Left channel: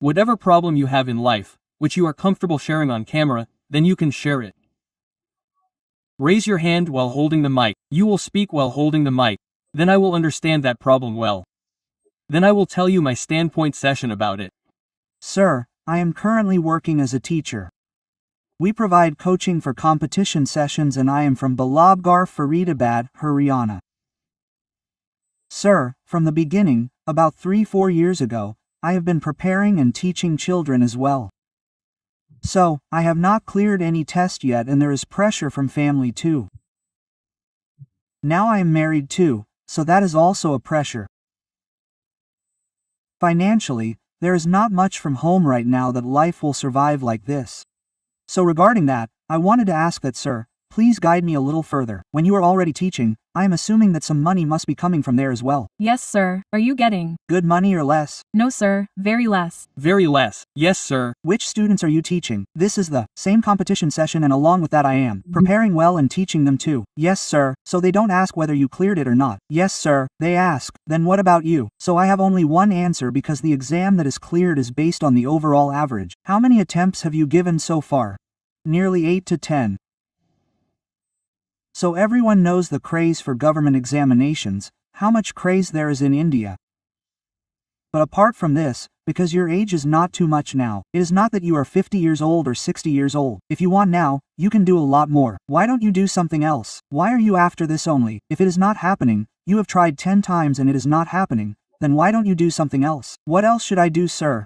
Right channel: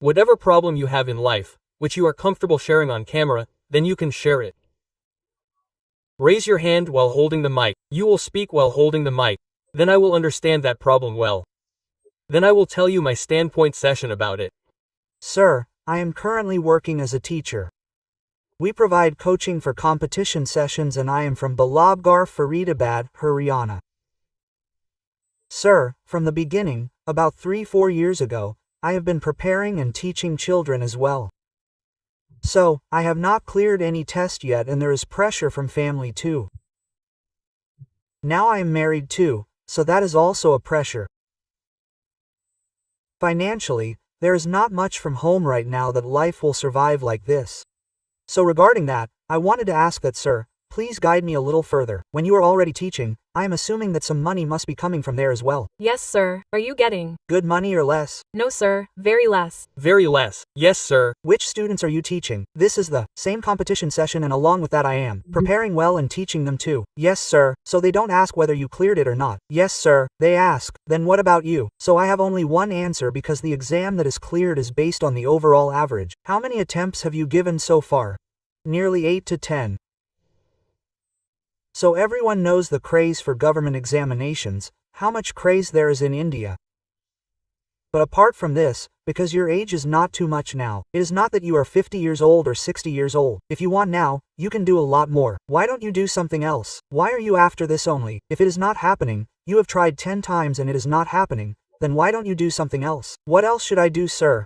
Whatever problem you have in life, which you are comfortable sharing on camera, then you can share it. Raise your hand while holding the mic. You will speak while holding the mic. Then I will understand that problem well. Then I will tell you my standpoint session about it. Sir, I am currently working as a teacher. We provide coaching for competition sessions and I am from Balabgarh, Faridabad, Haryana. Sir, from the beginning, about 3-4 years ago, I have been preparing and teaching children as well. So, I have not cleared any test yet and there is pressure from family too. Now I am married too, so that is also a pressure. Financially, there is not much from home right now that life will survive like this. So regarding that, I wanted to ask that sir, please guide me a little further. When you are already teaching, I am assuming that some money must be coming from there as well. Yes, sir. Are you getting good money or less? No, sir. Very less. Very less. Yes, sir. Which students are you teaching? This is the same competition session and along with that I am preparing well and teaching them too. Yes, sir. So they don't ask whether you cleared it or not. Yes, sir. They ask, then what about you? So I have only one answer because the exam that is cleared is based on the overall average. How many attempts have you given so far? Nearly 8 to 10. So everyone knows the craze for government examinations, how much craze there is in India. But apart from this, because your age is not too much now, it is not that you are 50 years old or 60 years old. If you want now, you can do a lot more. Why don't you do something else? Why are you after this only? If it is not happening, you have tried 10 times and it is not happening, then why don't you do something else? What else should I do, sir?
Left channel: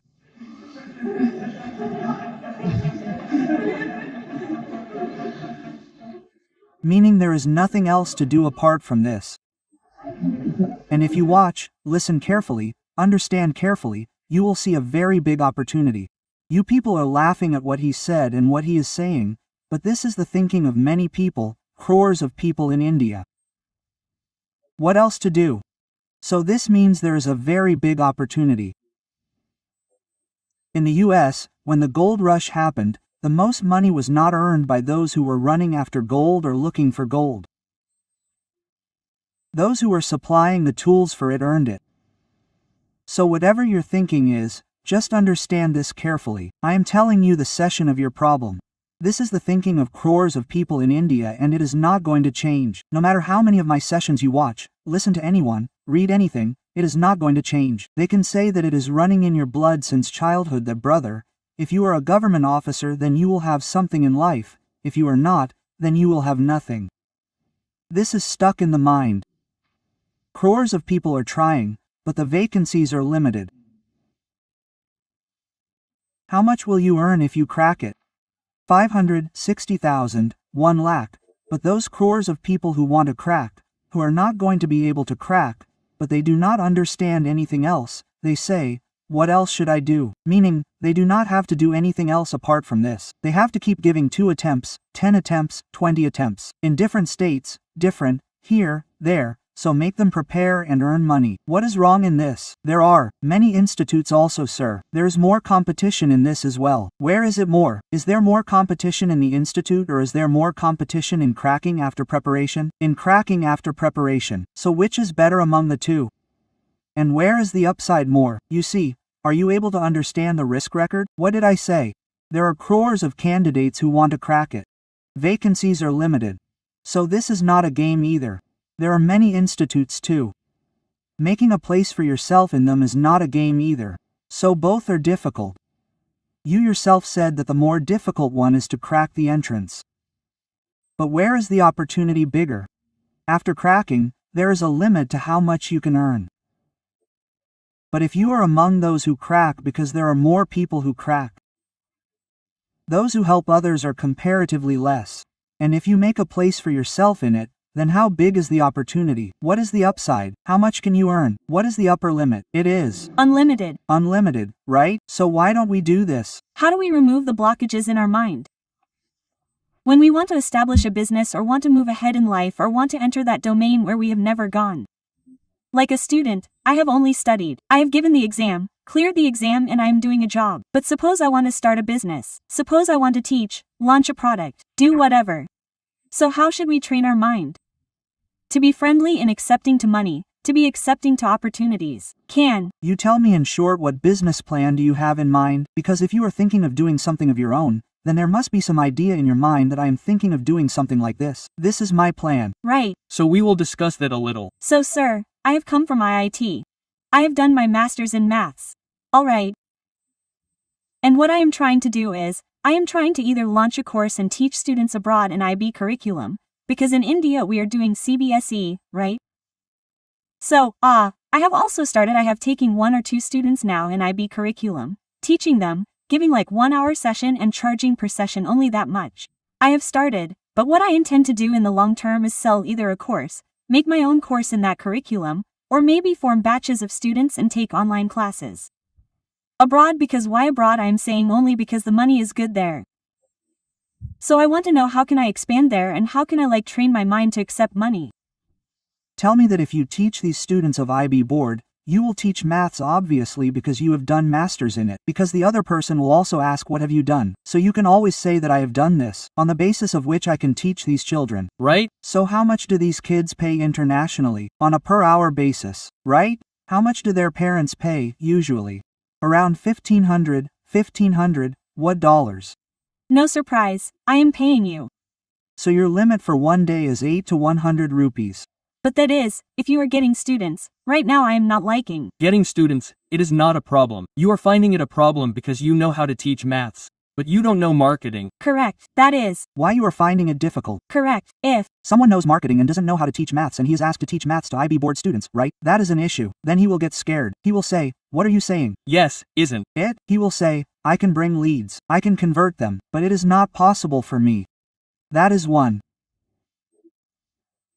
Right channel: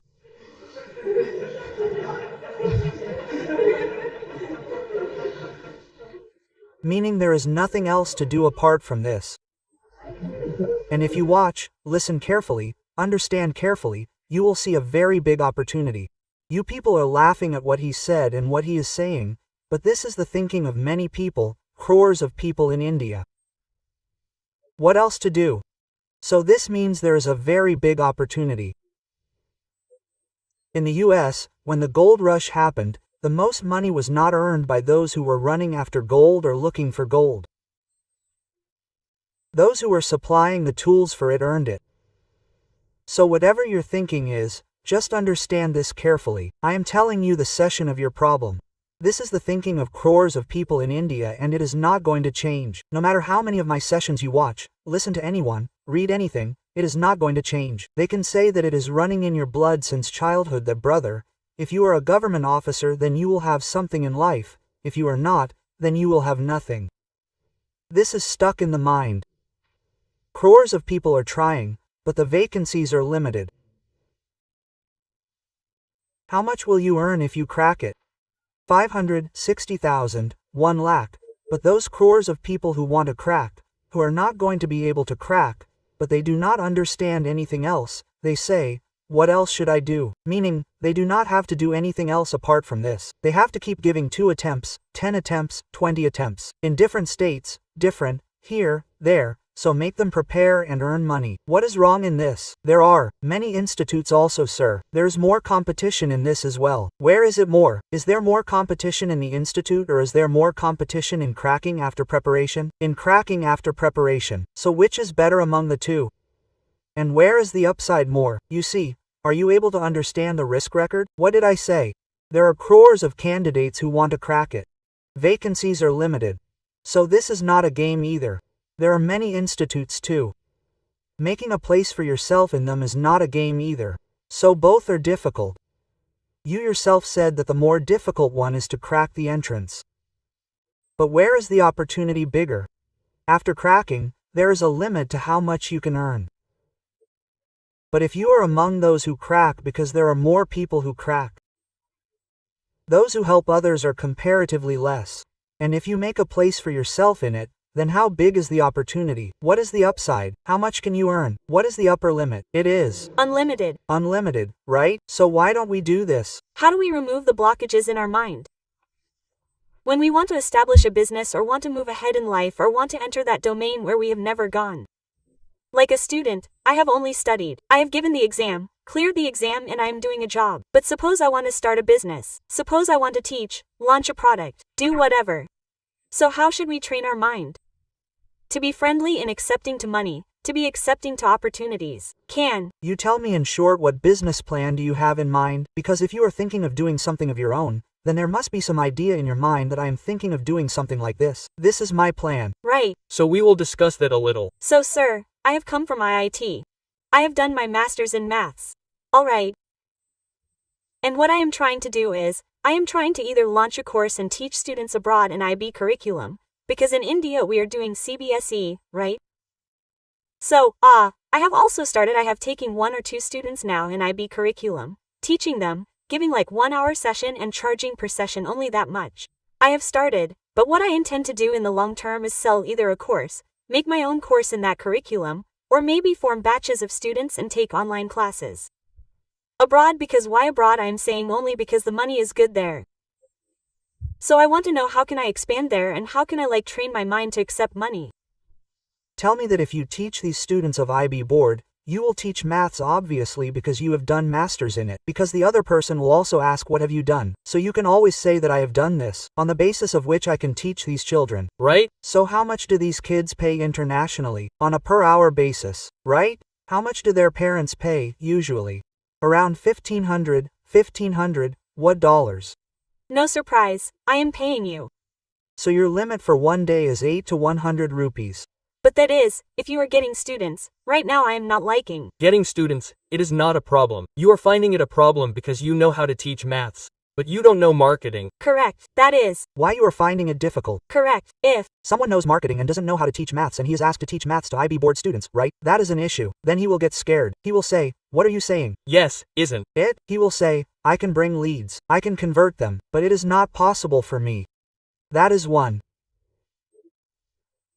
Meaning there is nothing else to do apart from this. And if you watch, listen carefully, understand carefully, you will see a very big opportunity. You people are laughing at what he said and what he is saying, but this is the thinking of many people, crores of people in India. What else to do? So this means there is a very big opportunity. In the US, when the gold rush happened, the most money was not earned by those who were running after gold or looking for gold. Those who were supplying the tools for it earned it. So whatever your thinking is, just understand this carefully. I am telling you the session of your problem. This is the thinking of crores of people in India and it is not going to change. No matter how many of my sessions you watch, listen to anyone, read anything, it is not going to change. They can say that it is running in your blood since childhood that brother, if you are a government officer then you will have something in life, if you are not, then you will have nothing. This is stuck in the mind. Crores of people are trying, but the vacancies are limited. How much will you earn if you crack it? 500, 60,000, 1 lakh, but those crores of people who want to crack, who are not going to be able to crack, but they do not understand anything else, they say, what else should I do? Meaning, they do not have to do anything else apart from this. They have to keep giving 2 attempts, 10 attempts, 20 attempts. In different states, different, here, there, so make them prepare and earn money. What is wrong in this? There are many institutes also, sir. There is more competition in this as well. Where is it more? Is there more competition in the institute or is there more competition in cracking after preparation? In cracking after preparation. So which is better among the two? And where is the upside more? You see, are you able to understand the risk record? What did I say? There are crores of candidates who want to crack it. Vacancies are limited. So this is not a game either. There are many institutes too. Making a place for yourself in them is not a game either. So both are difficult. You yourself said that the more difficult one is to crack the entrance. But where is the opportunity bigger? After cracking, there is a limit to how much you can earn. But if you are among those who crack because there are more people who crack, those who help others are comparatively less. And if you make a place for yourself in it, then how big is the opportunity? What is the upside? How much can you earn? What is the upper limit? It is unlimited. Unlimited, right? So why don't we do this? How do we remove the blockages in our mind? When we want to establish a business or want to move ahead in life or want to enter that domain where we have never gone. Like a student, I have only studied. I have given the exam, cleared the exam and I am doing a job. But suppose I want to start a business. Suppose I want to teach, launch a product, do whatever. So how should we train our mind? To be friendly and accepting to money, to be accepting to opportunities. Can you tell me in short what business plan do you have in mind? Because if you are thinking of doing something of your own, then there must be some idea in your mind that I am thinking of doing something like this. This is my plan. Right. So we will discuss that a little. So sir, I have come from IIT. I have done my master's in maths. Alright. And what I am trying to do is, I am trying to either launch a course and teach students abroad an IB curriculum, because in India we are doing CBSE, right? So, I have also started. I have taken 1 or 2 students now in IB curriculum, teaching them, giving like 1-hour session and charging per session only that much. I have started, but what I intend to do in the long term is sell either a course, make my own course in that curriculum, or maybe form batches of students and take online classes. Abroad, because why abroad? I am saying only because the money is good there. So I want to know how can I expand there and how can I train my mind to accept money. Tell me that if you teach these students of IB board, you will teach maths obviously because you have done masters in it, because the other person will also ask what have you done, so you can always say that I have done this, on the basis of which I can teach these children. Right? So how much do these kids pay internationally, on a per hour basis, right? How much do their parents pay, usually? Around $1,500, what dollars? No surprise, I am paying you. So your limit for one day is 8 to 100 rupees. But that is, if you are getting students. Right now I am not liking Getting students, it is not a problem. You are finding it a problem because you know how to teach maths, but you don't know marketing. Correct, that is. Why you are finding it difficult? Correct, if someone knows marketing and doesn't know how to teach maths and he is asked to teach maths to IB board students, right? That is an issue. Then he will get scared. He will say, what are you saying? Yes, isn't it? He will say, I can bring leads. I can convert them, but it is not possible for me. That is one.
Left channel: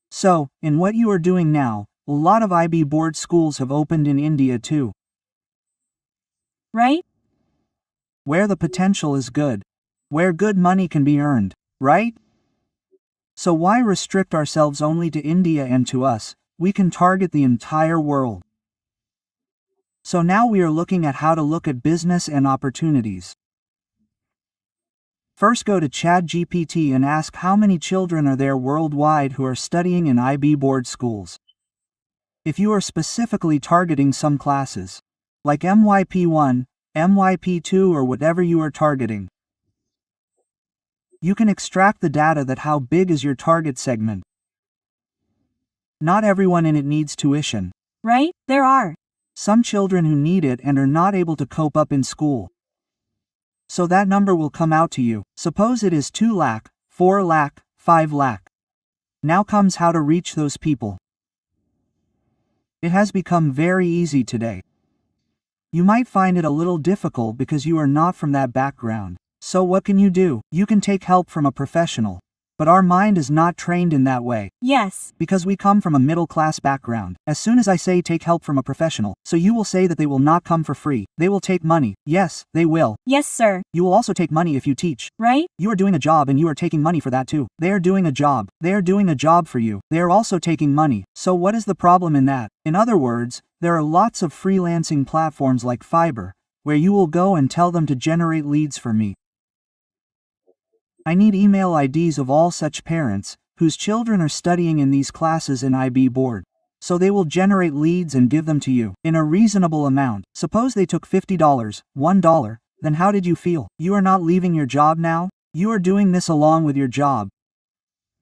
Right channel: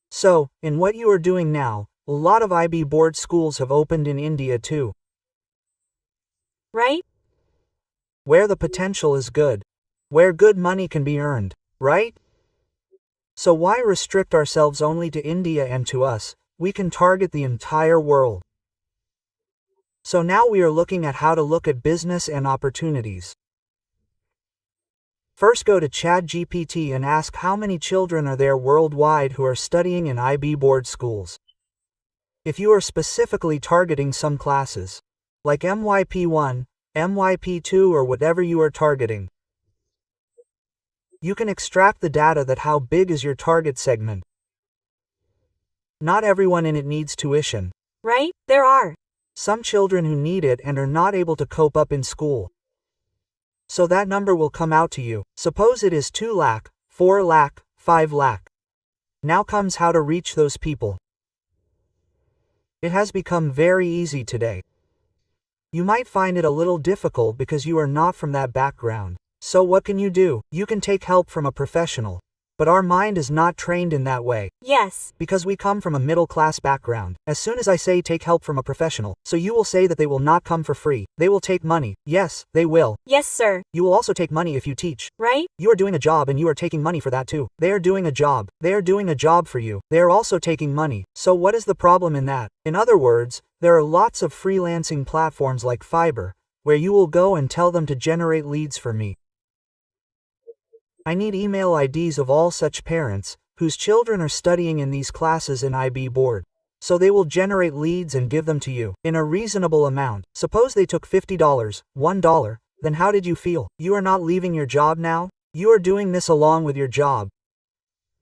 So, in what you are doing now, a lot of IB board schools have opened in India too. Right? Where the potential is good. Where good money can be earned, right? So why restrict ourselves only to India and to us? We can target the entire world. So now we are looking at how to look at business and opportunities. First go to ChatGPT and ask how many children are there worldwide who are studying in IB board schools. If you are specifically targeting some classes, like MYP1, MYP2 or whatever you are targeting, you can extract the data that how big is your target segment. Not everyone in it needs tuition. Right? There are some children who need it and are not able to cope up in school. So that number will come out to you. Suppose it is 2 lakh, 4 lakh, 5 lakh. Now comes how to reach those people. It has become very easy today. You might find it a little difficult because you are not from that background. So what can you do? You can take help from a professional. But our mind is not trained in that way. Yes. Because we come from a middle-class background. As soon as I say take help from a professional, so you will say that they will not come for free. They will take money. Yes, they will. Yes, sir. You will also take money if you teach. Right? You are doing a job and you are taking money for that too. They are doing a job. They are doing a job for you. They are also taking money. So what is the problem in that? In other words, there are lots of freelancing platforms like Fiverr, where you will go and tell them to generate leads for me. I need email IDs of all such parents, whose children are studying in these classes in IB board. So they will generate leads and give them to you, in a reasonable amount. Suppose they took $50, $1, then how did you feel? You are not leaving your job now? You are doing this along with your job.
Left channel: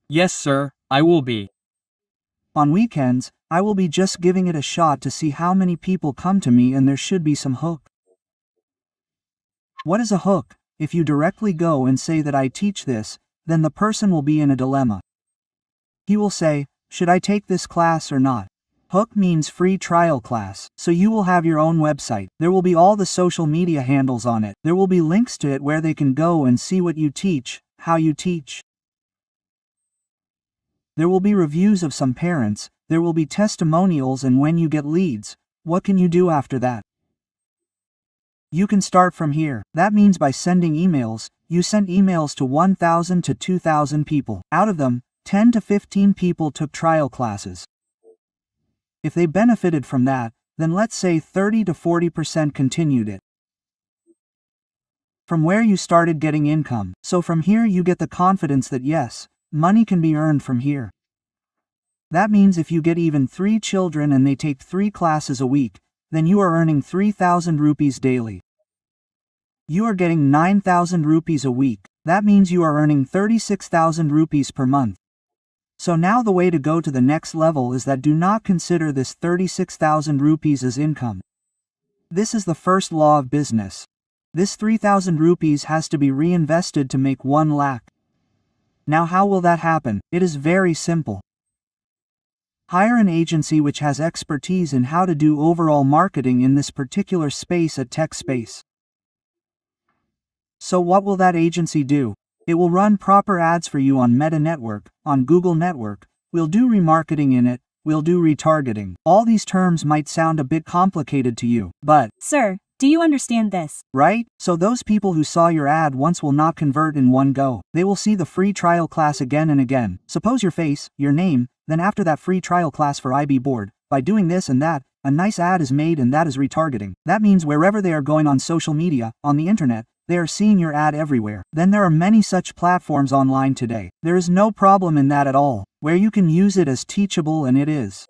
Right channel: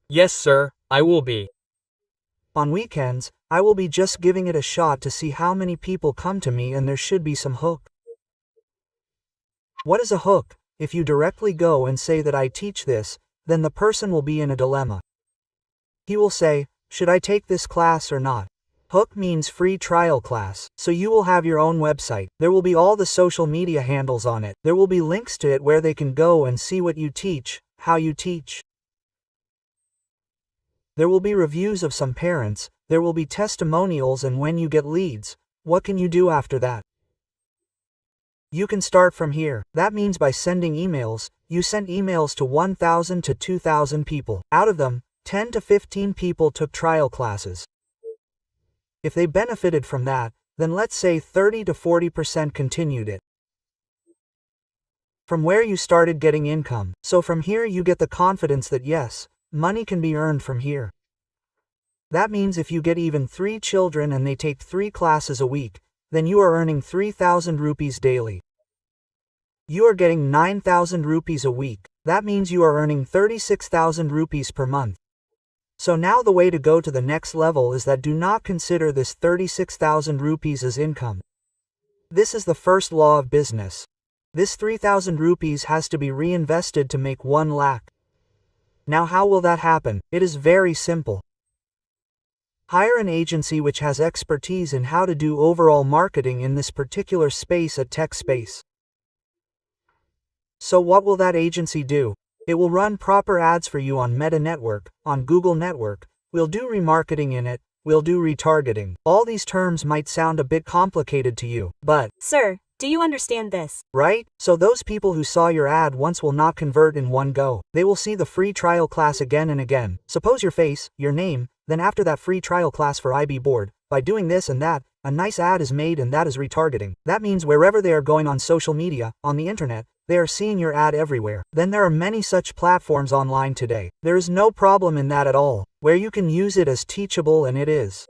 Yes, sir, I will be. On weekends, I will be just giving it a shot to see how many people come to me and there should be some hook. What is a hook? If you directly go and say that I teach this, then the person will be in a dilemma. He will say, should I take this class or not? Hook means free trial class, so you will have your own website. There will be all the social media handles on it. There will be links to it where they can go and see what you teach, how you teach. There will be reviews of some parents, there will be testimonials, and when you get leads, what can you do after that? You can start from here. That means by sending emails, you sent emails to 1,000 to 2,000 people. Out of them, 10 to 15 people took trial classes. If they benefited from that, then let's say 30 to 40% continued it. From where you started getting income. So from here you get the confidence that yes, money can be earned from here. That means if you get even 3 children and they take 3 classes a week, then you are earning 3,000 rupees daily. You are getting 9,000 rupees a week. That means you are earning 36,000 rupees per month. So now the way to go to the next level is that do not consider this 36,000 rupees as income. This is the first law of business. This 3,000 rupees has to be reinvested to make 1 lakh. Now how will that happen? It is very simple. Hire an agency which has expertise in how to do overall marketing in this particular space at tech space. So what will that agency do? It will run proper ads for you on Meta Network, on Google Network, we'll do remarketing in it, we'll do retargeting. All these terms might sound a bit complicated to you, but, Sir, do you understand this? right? So those people who saw your ad once will not convert in one go. They will see the free trial class again and again. Suppose your face, your name, then after that free trial class for IB board, by doing this and that, a nice ad is made and that is retargeting. That means wherever they are going on social media, on the internet, they are seeing your ad everywhere. Then there are many such platforms online today. There is no problem in that at all, where you can use it as teachable and it is.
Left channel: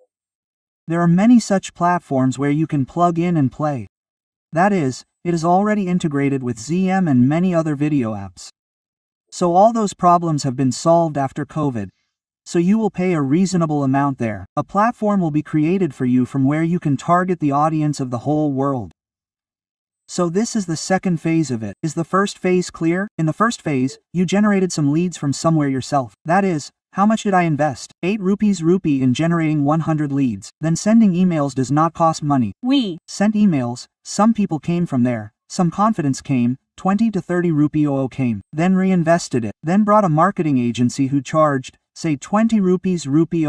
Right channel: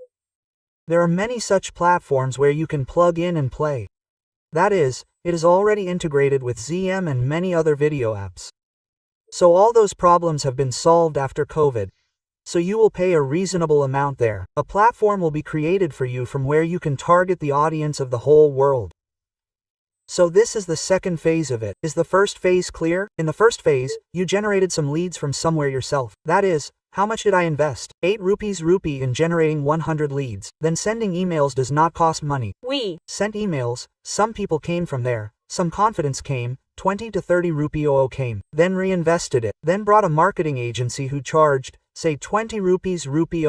There are many such platforms where you can plug in and play. That is, it is already integrated with ZM and many other video apps. So all those problems have been solved after COVID. So you will pay a reasonable amount there. A platform will be created for you from where you can target the audience of the whole world. So this is the second phase of it. Is the first phase clear? In the first phase, you generated some leads from somewhere yourself. That is, how much did I invest? 8 rupees rupee in generating 100 leads. Then sending emails does not cost money. We Sent emails, some people came from there, some confidence came, 20 to 30 rupee came. Then reinvested it. Then brought a marketing agency who charged, say 20 rupees rupee,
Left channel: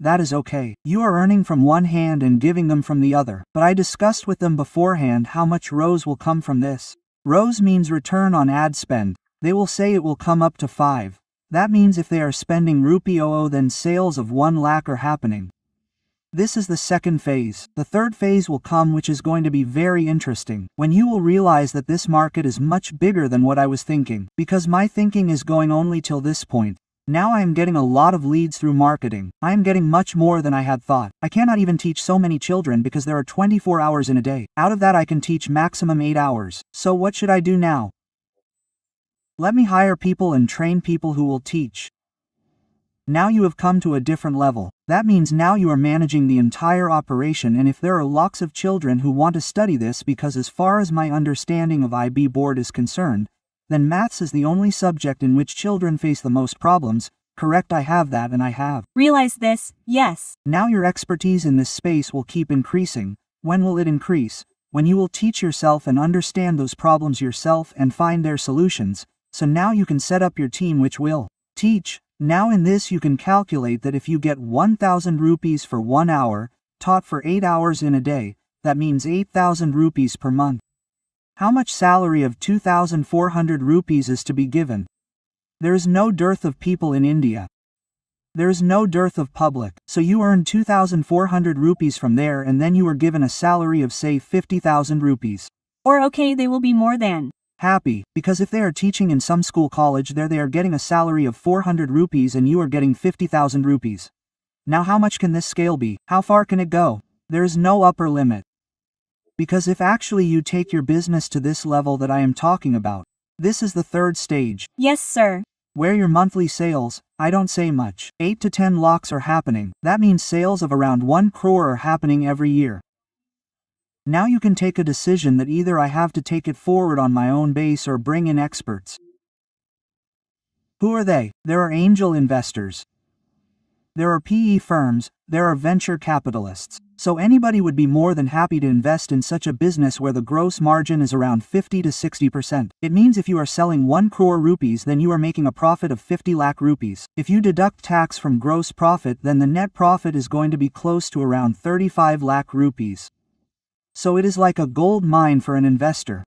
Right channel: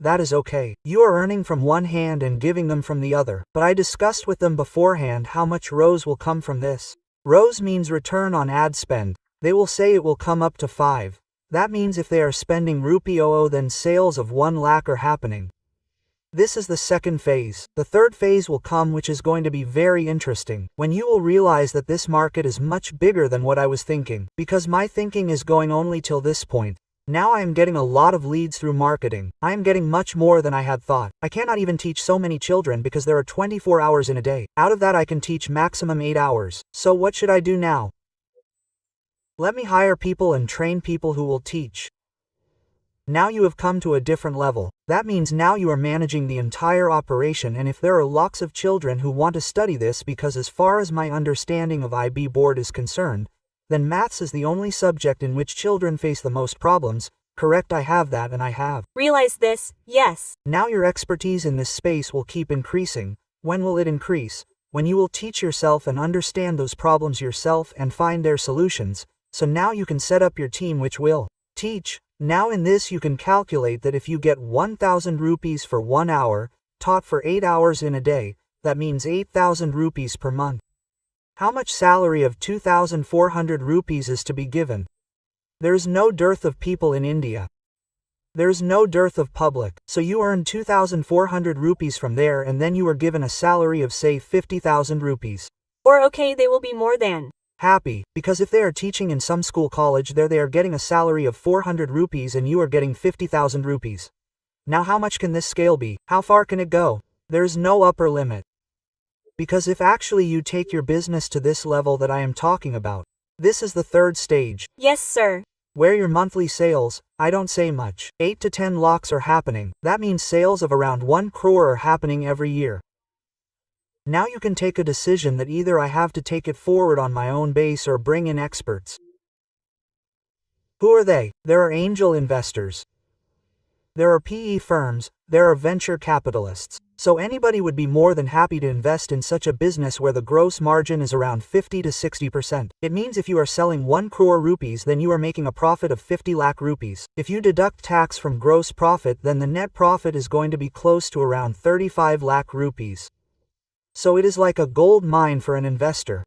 that is okay. You are earning from one hand and giving them from the other. But I discussed with them beforehand how much ROAS will come from this. ROAS means return on ad spend. They will say it will come up to 5. That means if they are spending rupee then sales of 1 lakh are happening. This is the second phase. The third phase will come, which is going to be very interesting, when you will realize that this market is much bigger than what I was thinking, because my thinking is going only till this point. Now I am getting a lot of leads through marketing. I am getting much more than I had thought. I cannot even teach so many children because there are 24 hours in a day. Out of that I can teach maximum 8 hours. So what should I do now? Let me hire people and train people who will teach. Now you have come to a different level. That means now you are managing the entire operation, and if there are lots of children who want to study this, because as far as my understanding of IB board is concerned, then maths is the only subject in which children face the most problems. Correct, I have that and I have. realize this, yes. Now your expertise in this space will keep increasing. When will it increase? When you will teach yourself and understand those problems yourself and find their solutions. So now you can set up your team which will teach. Now in this you can calculate that if you get 1,000 rupees for 1 hour, taught for 8 hours in a day, that means 8,000 rupees per month. How much salary of 2,400 rupees is to be given? There is no dearth of people in India. There is no dearth of public, so you earn 2,400 rupees from there and then you are given a salary of say 50,000 rupees. Or okay, they will be more than Happy, because if they are teaching in some school college there they are getting a salary of 400 rupees and you are getting 50,000 rupees. Now how much can this scale be? How far can it go? There is no upper limit. Because if actually you take your business to this level that I am talking about, this is the third stage. Yes, sir. Where your monthly sales, I don't say much, 8 to 10 lakhs are happening. That means sales of around 1 crore are happening every year. Now you can take a decision that either I have to take it forward on my own base or bring in experts. Who are they? There are angel investors. There are PE firms, there are venture capitalists. So anybody would be more than happy to invest in such a business where the gross margin is around 50 to 60%. It means if you are selling 1 crore rupees then you are making a profit of 50 lakh rupees. If you deduct tax from gross profit then the net profit is going to be close to around 35 lakh rupees. So it is like a gold mine for an investor.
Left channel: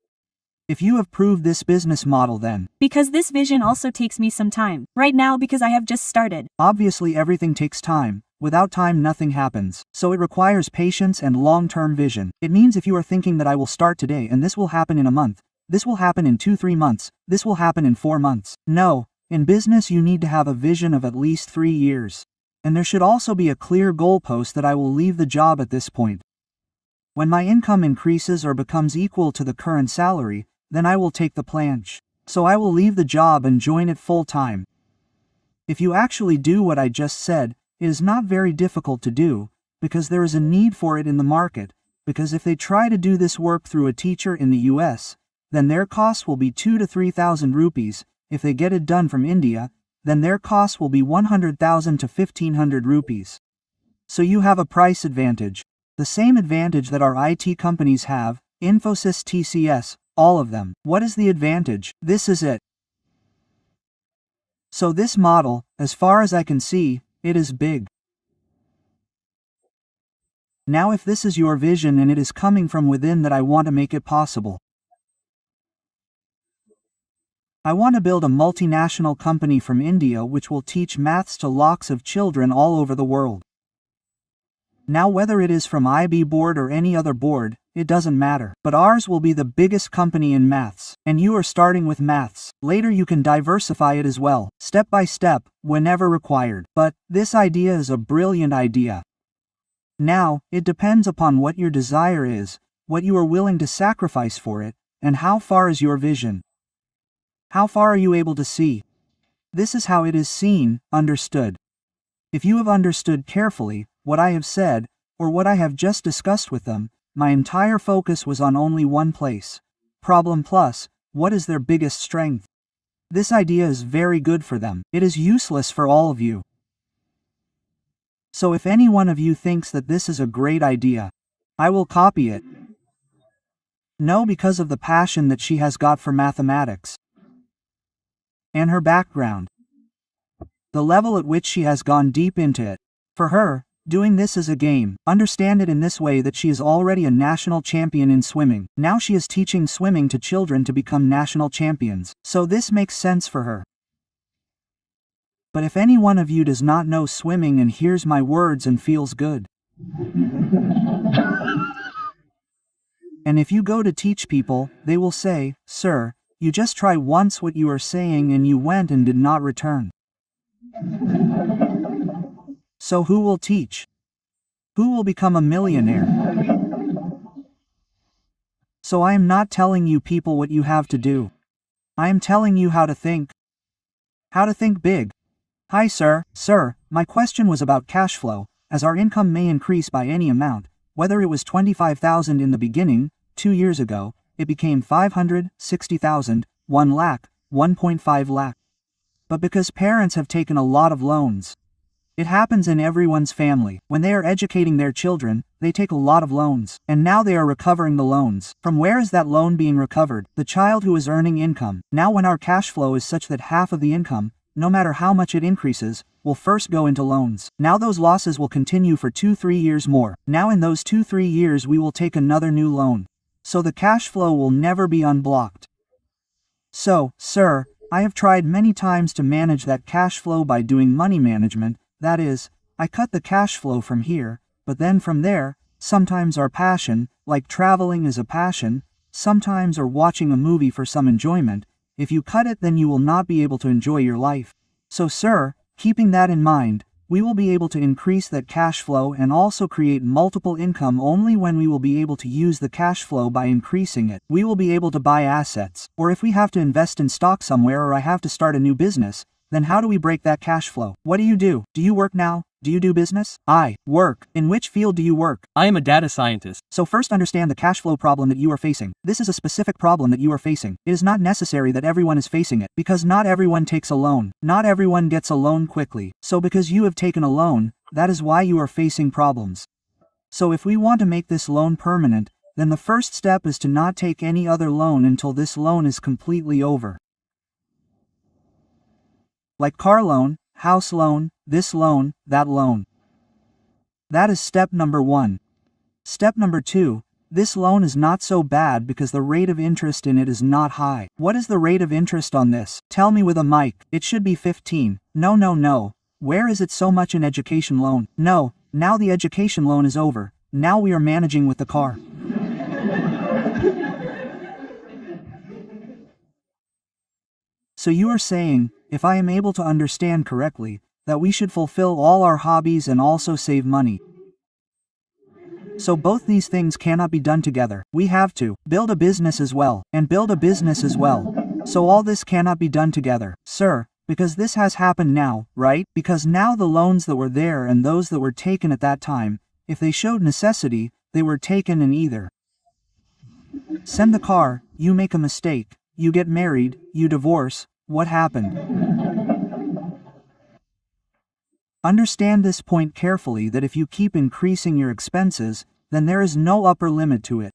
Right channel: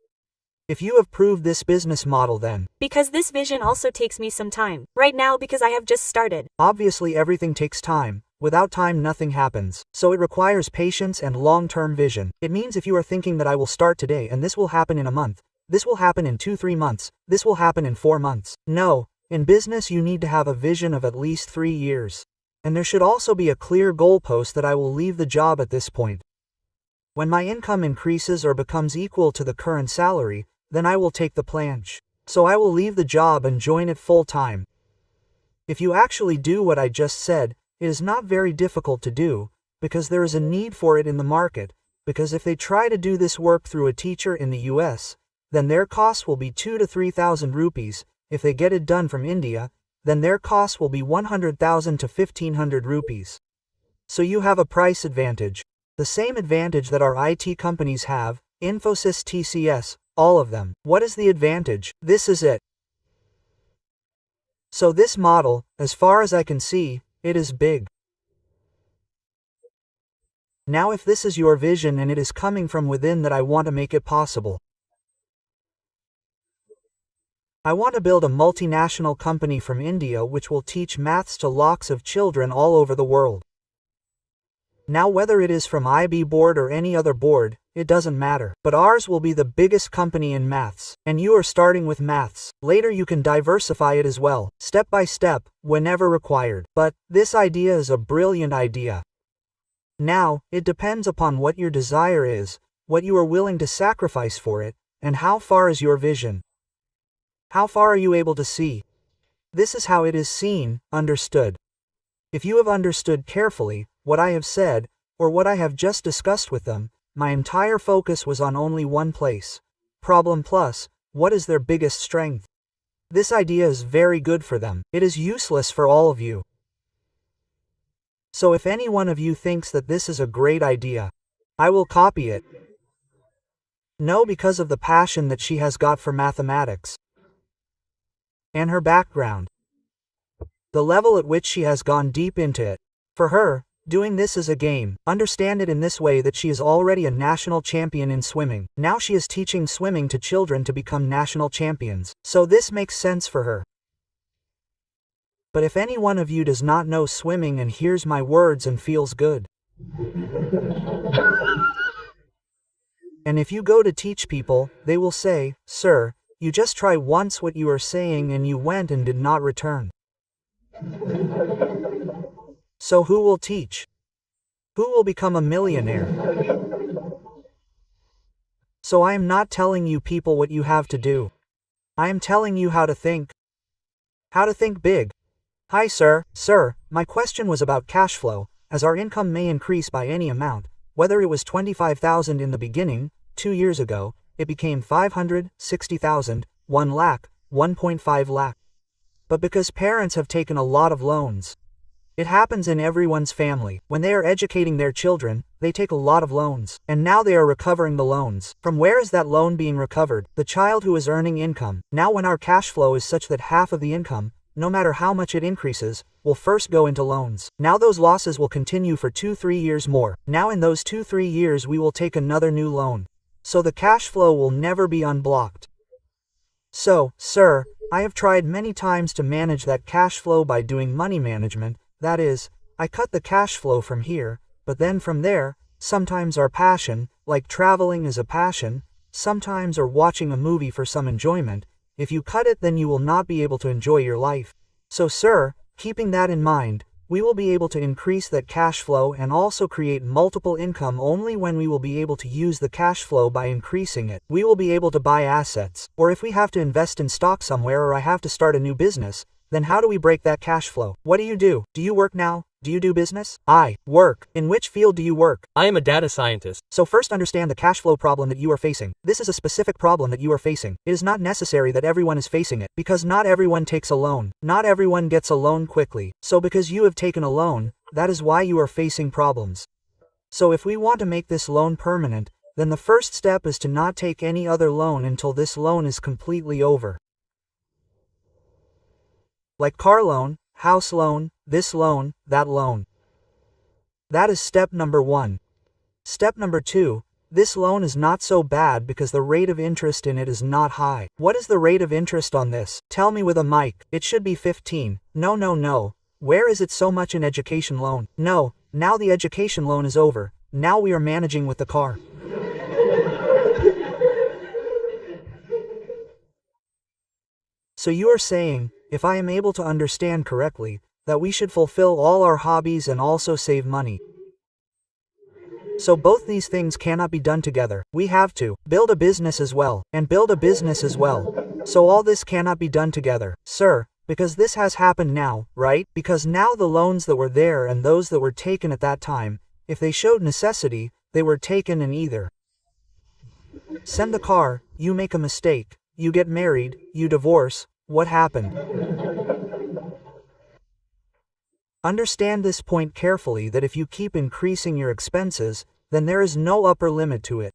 If you have proved this business model then, Because this vision also takes me some time. Right now because I have just started. obviously everything takes time. Without time nothing happens. So it requires patience and long-term vision. It means if you are thinking that I will start today and this will happen in a month, this will happen in 2-3 months, this will happen in 4 months. No, in business you need to have a vision of at least 3 years. And there should also be a clear goalpost that I will leave the job at this point. When my income increases or becomes equal to the current salary, then I will take the plunge. So I will leave the job and join it full time. If you actually do what I just said, it is not very difficult to do, because there is a need for it in the market, because if they try to do this work through a teacher in the US, then their cost will be 2 to 3,000 rupees. If they get it done from India, then their cost will be 100,000 to 1,500 rupees. So you have a price advantage. The same advantage that our IT companies have, Infosys, TCS, all of them. What is the advantage? This is it. So this model, as far as I can see, it is big. Now if this is your vision and it is coming from within, that I want to make it possible. I want to build a multinational company from India which will teach maths to lakhs of children all over the world. Now whether it is from IB board or any other board, it doesn't matter. But ours will be the biggest company in maths, and you are starting with maths. Later you can diversify it as well, step by step, whenever required. But this idea is a brilliant idea. Now, it depends upon what your desire is, what you are willing to sacrifice for it, and how far is your vision. How far are you able to see? This is how it is seen, understood. If you have understood carefully what I have said, or what I have just discussed with them, my entire focus was on only one place. Problem plus, what is their biggest strength? This idea is very good for them. It is useless for all of you. So if any one of you thinks that this is a great idea, I will copy it. No, because of the passion that she has got for mathematics. And her background. The level at which she has gone deep into it. For her, doing this is a game. Understand it in this way, that she is already a national champion in swimming. Now she is teaching swimming to children to become national champions. So this makes sense for her. But if any one of you does not know swimming and hears my words and feels good, and if you go to teach people, they will say, "Sir, you just try once what you are saying and you went and did not return." So who will teach? Who will become a millionaire? So I am not telling you people what you have to do. I am telling you how to think. How to think big. Hi sir, my question was about cash flow, as our income may increase by any amount, whether it was 25,000 in the beginning, 2 years ago, it became 500, 60,000, 1 lakh, 1.5 lakh. But because parents have taken a lot of loans. It happens in everyone's family. When they are educating their children, they take a lot of loans. And now they are recovering the loans. From where is that loan being recovered? The child who is earning income. Now when our cash flow is such that half of the income, no matter how much it increases, will first go into loans. Now those losses will continue for 2-3 years more. Now in those 2-3 years we will take another new loan. So the cash flow will never be unblocked. So, sir, I have tried many times to manage that cash flow by doing money management. That is, I cut the cash flow from here, but then from there, sometimes our passion, like traveling is a passion, sometimes or watching a movie for some enjoyment. If you cut it, then you will not be able to enjoy your life. So sir, keeping that in mind, we will be able to increase that cash flow and also create multiple income only when we will be able to use the cash flow by increasing it. We will be able to buy assets, or if we have to invest in stock somewhere or I have to start a new business, then how do we break that cash flow? What do? Do you work now? Do you do business? I work. In which field do you work? I am a data scientist. So first understand the cash flow problem that you are facing. This is a specific problem that you are facing. It is not necessary that everyone is facing it, because not everyone takes a loan. Not everyone gets a loan quickly. So because you have taken a loan, that is why you are facing problems. So if we want to make this loan permanent, then the first step is to not take any other loan until this loan is completely over. Like car loan, house loan, this loan, that loan. That is step number 1. Step number 2, this loan is not so bad because the rate of interest in it is not high. What is the rate of interest on this? Tell me with a mic. It should be 15. No. Where is it so much in education loan? No, now the education loan is over. Now we are managing with the car. So you are saying, if I am able to understand correctly, that we should fulfill all our hobbies and also save money. So both these things cannot be done together. We have to build a business as well, and build a business as well. So all this cannot be done together, sir, because this has happened now, right? Because now the loans that were there and those that were taken at that time, if they showed necessity, they were taken and either send the car, you make a mistake, you get married, you divorce, what happened? Understand this point carefully, that if you keep increasing your expenses, then there is no upper limit to it.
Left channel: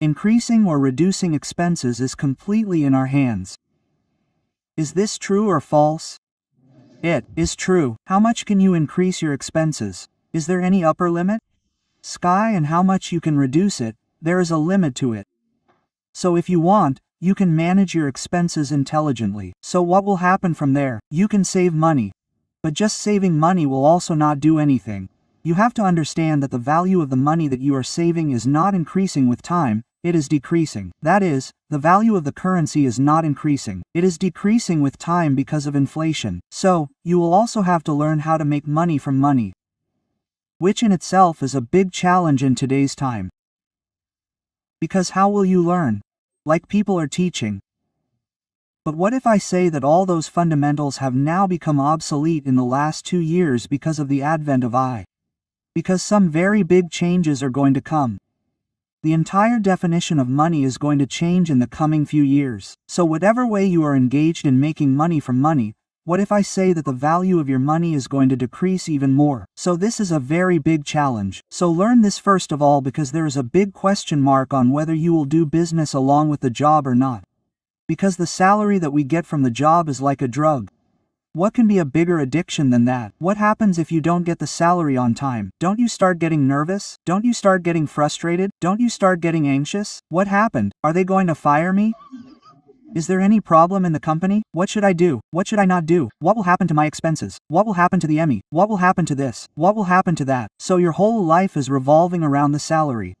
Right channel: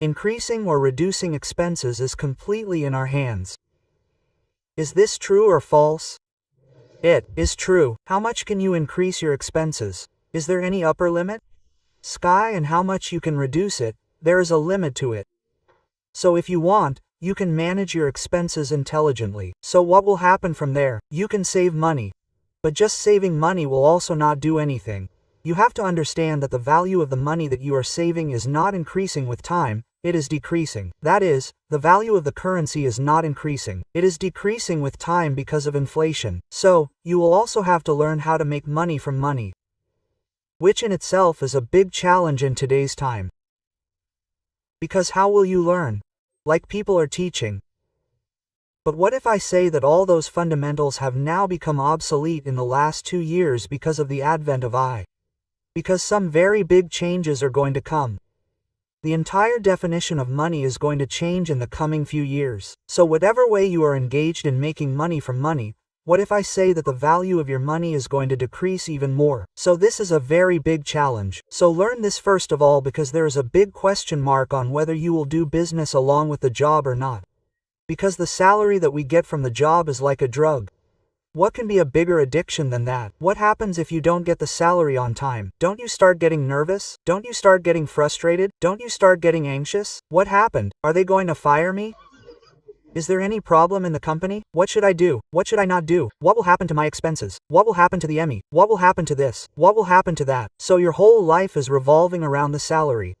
Increasing or reducing expenses is completely in our hands. Is this true or false? It is true. How much can you increase your expenses? Is there any upper limit? Sky, and how much you can reduce it, there is a limit to it. So if you want, you can manage your expenses intelligently. So what will happen from there? You can save money. But just saving money will also not do anything. You have to understand that the value of the money that you are saving is not increasing with time, it is decreasing. That is, the value of the currency is not increasing. It is decreasing with time because of inflation. So, you will also have to learn how to make money from money, which in itself is a big challenge in today's time. Because how will you learn? Like people are teaching. But what if I say that all those fundamentals have now become obsolete in the last 2 years because of the advent of AI? Because some very big changes are going to come. The entire definition of money is going to change in the coming few years. So whatever way you are engaged in making money from money, what if I say that the value of your money is going to decrease even more? So this is a very big challenge. So learn this first of all, because there is a big question mark on whether you will do business along with the job or not. Because the salary that we get from the job is like a drug. What can be a bigger addiction than that? What happens if you don't get the salary on time? Don't you start getting nervous? Don't you start getting frustrated? Don't you start getting anxious? What happened? Are they going to fire me? Is there any problem in the company? What should I do? What should I not do? What will happen to my expenses? What will happen to the Emmy? What will happen to this? What will happen to that? So your whole life is revolving around the salary.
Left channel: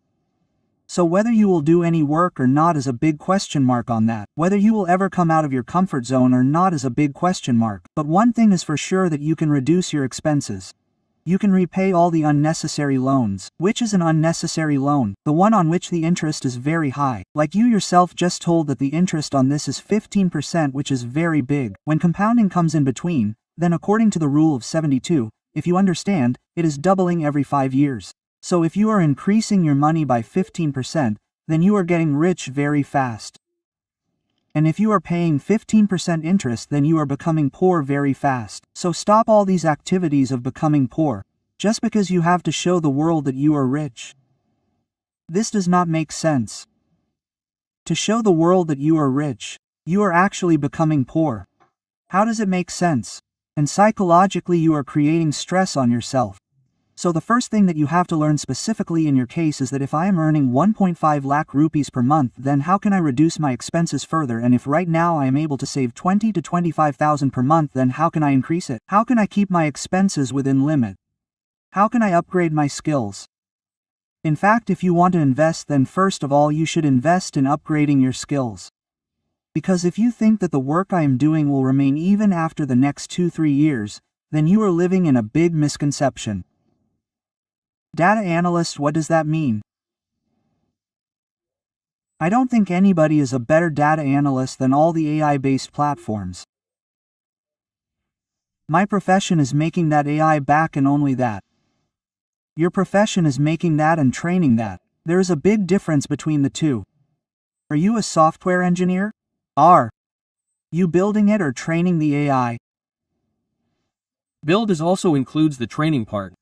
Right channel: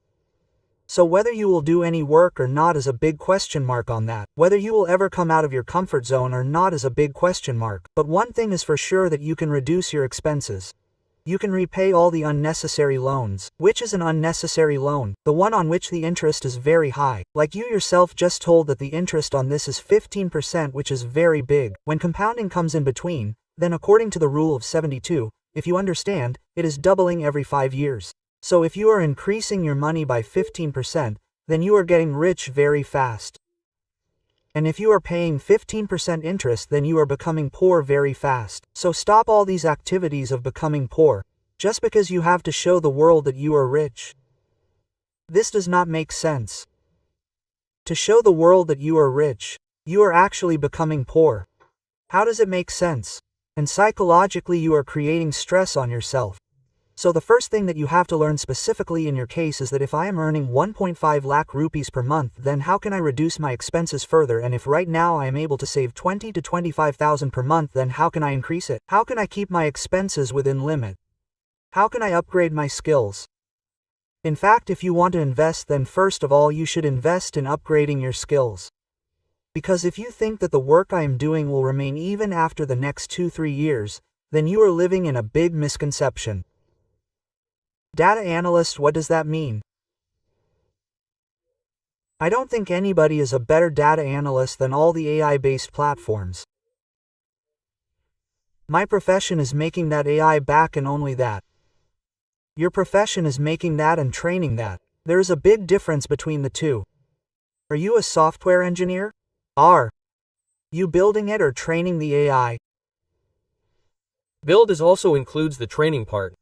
So whether you will do any work or not is a big question mark on that. Whether you will ever come out of your comfort zone or not is a big question mark. But one thing is for sure, that you can reduce your expenses. You can repay all the unnecessary loans. Which is an unnecessary loan? The one on which the interest is very high. Like you yourself just told that the interest on this is 15%, which is very big. When compounding comes in between, then according to the rule of 72, if you understand, it is doubling every 5 years. So if you are increasing your money by 15%, then you are getting rich very fast. And if you are paying 15% interest, then you are becoming poor very fast. So stop all these activities of becoming poor, just because you have to show the world that you are rich. This does not make sense. To show the world that you are rich, you are actually becoming poor. How does it make sense? And psychologically you are creating stress on yourself. So the first thing that you have to learn specifically in your case is that if I am earning 1.5 lakh rupees per month, then how can I reduce my expenses further? And if right now I am able to save 20 to 25,000 per month, then how can I increase it? How can I keep my expenses within limit? How can I upgrade my skills? In fact, if you want to invest, then first of all you should invest in upgrading your skills. Because if you think that the work I am doing will remain even after the next 2-3 years, then you are living in a big misconception. Data analyst, what does that mean? I don't think anybody is a better data analyst than all the AI-based platforms. My profession is making that AI back, and only that. Your profession is making that and training that. There is a big difference between the two. Are you a software engineer? Are you building it or training the AI? Build is also includes the training part.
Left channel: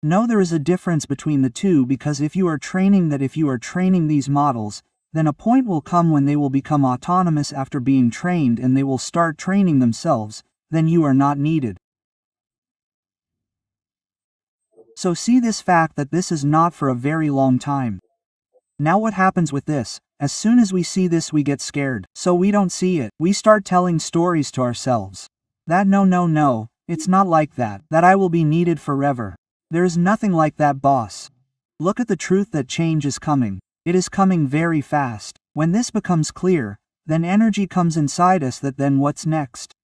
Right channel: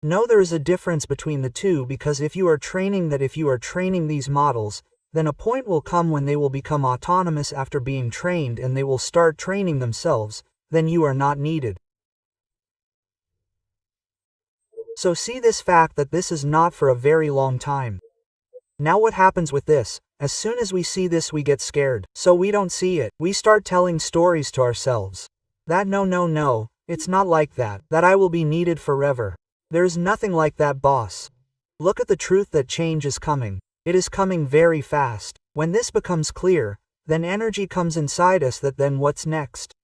No, there is a difference between the two, because if you are training these models, then a point will come when they will become autonomous after being trained and they will start training themselves, then you are not needed. So see this fact that this is not for a very long time. Now what happens with this? As soon as we see this we get scared, so we don't see it. We start telling stories to ourselves. That no, it's not like that, that I will be needed forever. There is nothing like that, boss. Look at the truth that change is coming. It is coming very fast. When this becomes clear, then energy comes inside us that then what's next?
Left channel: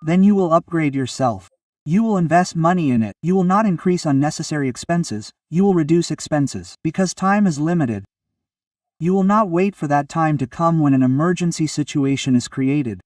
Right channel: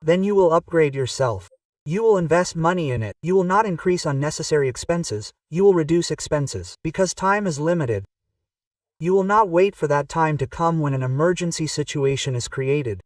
Then you will upgrade yourself. You will invest money in it. You will not increase unnecessary expenses. You will reduce expenses. Because time is limited. You will not wait for that time to come when an emergency situation is created.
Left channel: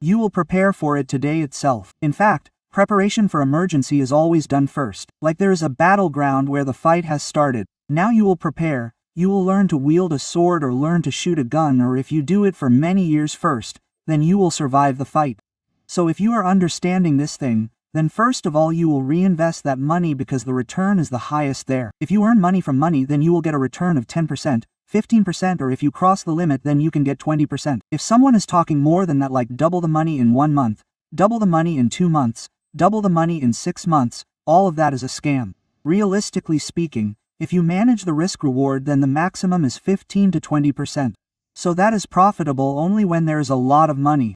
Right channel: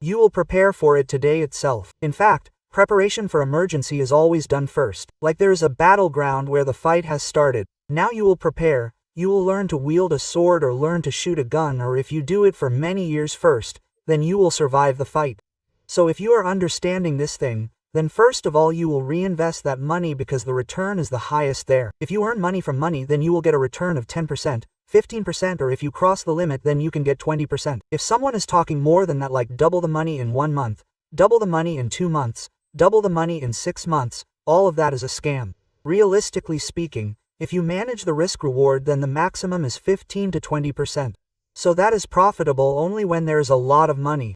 You will prepare for it today itself. In fact, preparation for emergency is always done first. Like there is a battleground where the fight has started. Now you will prepare. You will learn to wield a sword or learn to shoot a gun, or if you do it for many years first, then you will survive the fight. So if you are understanding this thing, then first of all you will reinvest that money because the return is the highest there. If you earn money from money, then you will get a return of 10%, 15%, or if you cross the limit then you can get 20%. If someone is talking more than that, like double the money in 1 month, double the money in 2 months, double the money in 6 months, all of that is a scam. Realistically speaking, if you manage the risk reward, then the maximum is 15 to 20%. So that is profitable only when there is a lot of money.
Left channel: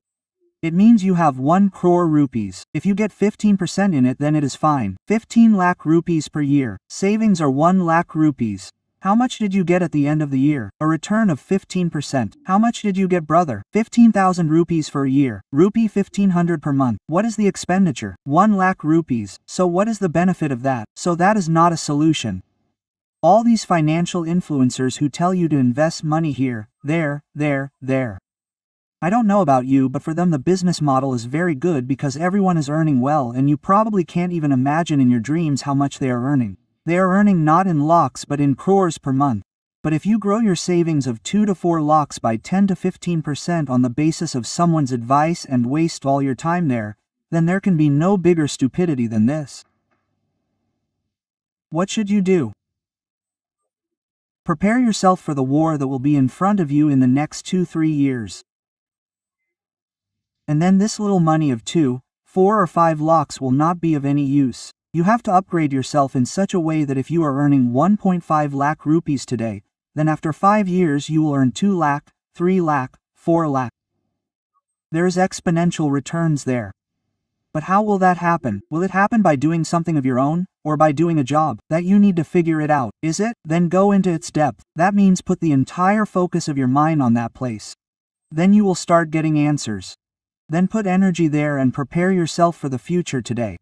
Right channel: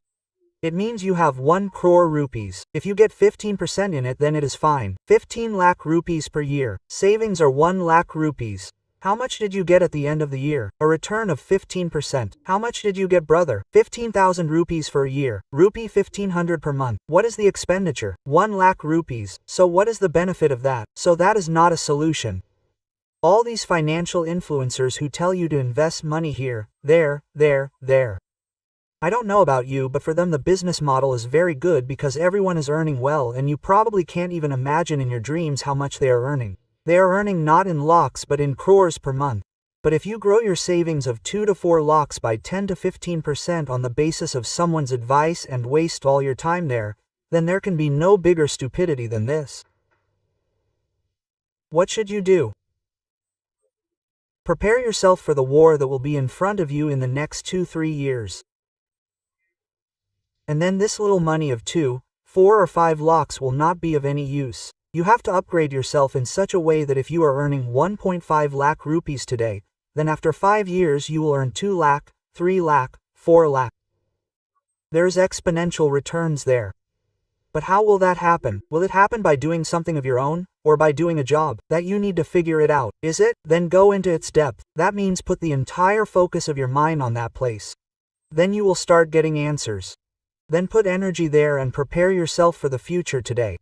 It means you have 1 crore rupees. If you get 15% in it, then it is fine. 15 lakh rupees per year. Savings are 1 lakh rupees. How much did you get at the end of the year? A return of 15%. How much did you get, brother? 15,000 rupees for a year. Rupee 1500 per month. What is the expenditure? 1 lakh rupees. So what is the benefit of that? So that is not a solution. All these financial influencers who tell you to invest money here, there. I don't know about you, but for them the business model is very good because everyone is earning well, and you probably can't even imagine in your dreams how much they are earning. They are earning not in lakhs but in crores per month. But if you grow your savings of 2 to 4 lakhs by 10 to 15% on the basis of someone's advice and waste all your time there, then there can be no bigger stupidity than this. What should you do? Prepare yourself for the war that will be in front of you in the next 2-3 years. And then this little money of 2, 4 or 5 lakhs will not be of any use. You have to upgrade yourself in such a way that if you are earning 1.5 lakh rupees today, then after 5 years you will earn 2 lakh, 3 lakh, 4 lakh. There is exponential returns there. But how will that happen? Will it happen by doing something of your own, or by doing a job? That you need to figure it out. Is it? Then go into its depth. That means put the entire focus of your mind on that place. Then you will start getting answers. Then put energy there and prepare yourself for the future today.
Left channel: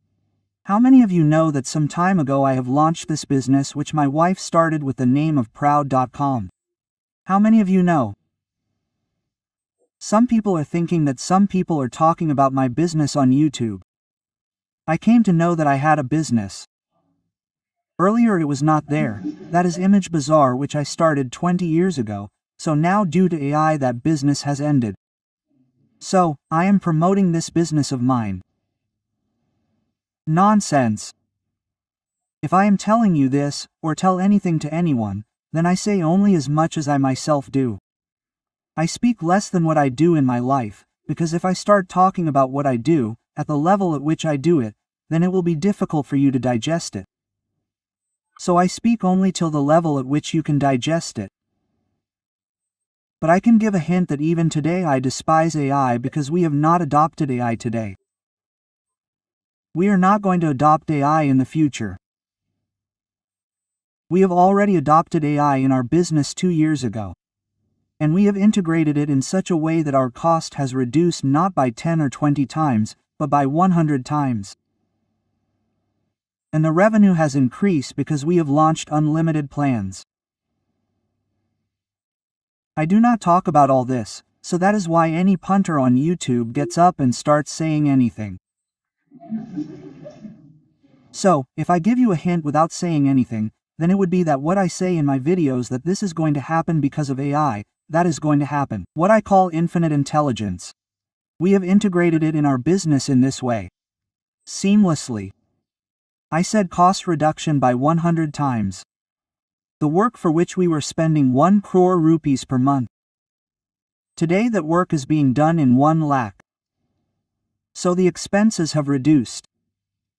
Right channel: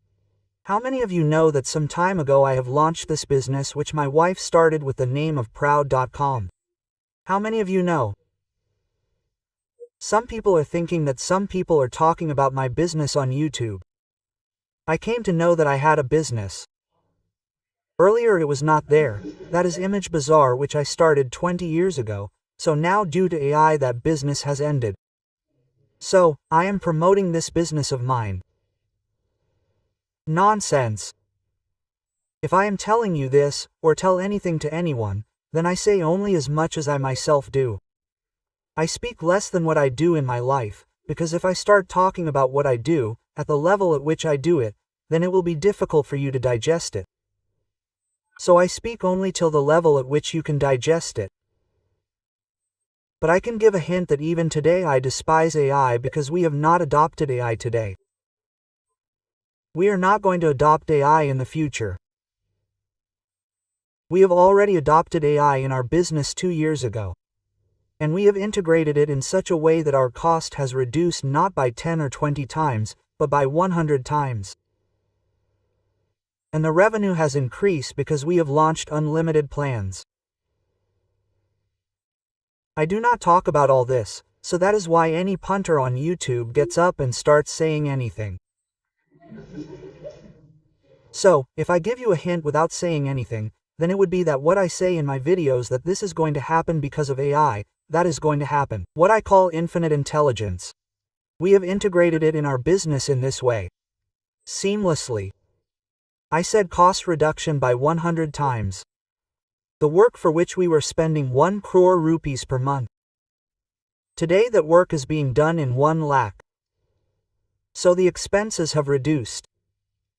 How many of you know that some time ago I have launched this business which my wife started with the name of Proud.com? How many of you know? Some people are thinking that some people are talking about my business on YouTube. I came to know that I had a business. Earlier it was not there. That is Image Bazaar, which I started 20 years ago, so now due to AI that business has ended. So, I am promoting this business of mine. Nonsense. If I am telling you this, or tell anything to anyone, then I say only as much as I myself do. I speak less than what I do in my life, because if I start talking about what I do, at the level at which I do it, then it will be difficult for you to digest it. So I speak only till the level at which you can digest it. But I can give a hint that even today I despise AI because we have not adopted AI today. We are not going to adopt AI in the future. We have already adopted AI in our business 2 years ago. And we have integrated it in such a way that our cost has reduced not by 10 or 20 times, but by 100 times. And the revenue has increased because we have launched unlimited plans. I do not talk about all this, so that is why any punter on YouTube gets up and starts saying anything. So, if I give you a hint without saying anything, then it would be that what I say in my videos that this is going to happen because of AI, that is going to happen. What I call infinite intelligence. We have integrated it in our business in this way. Seamlessly. I said cost reduction by 100 times. The work for which we were spending 1 crore rupees per month. Today that work is being done in 1 lakh. So the expenses have reduced.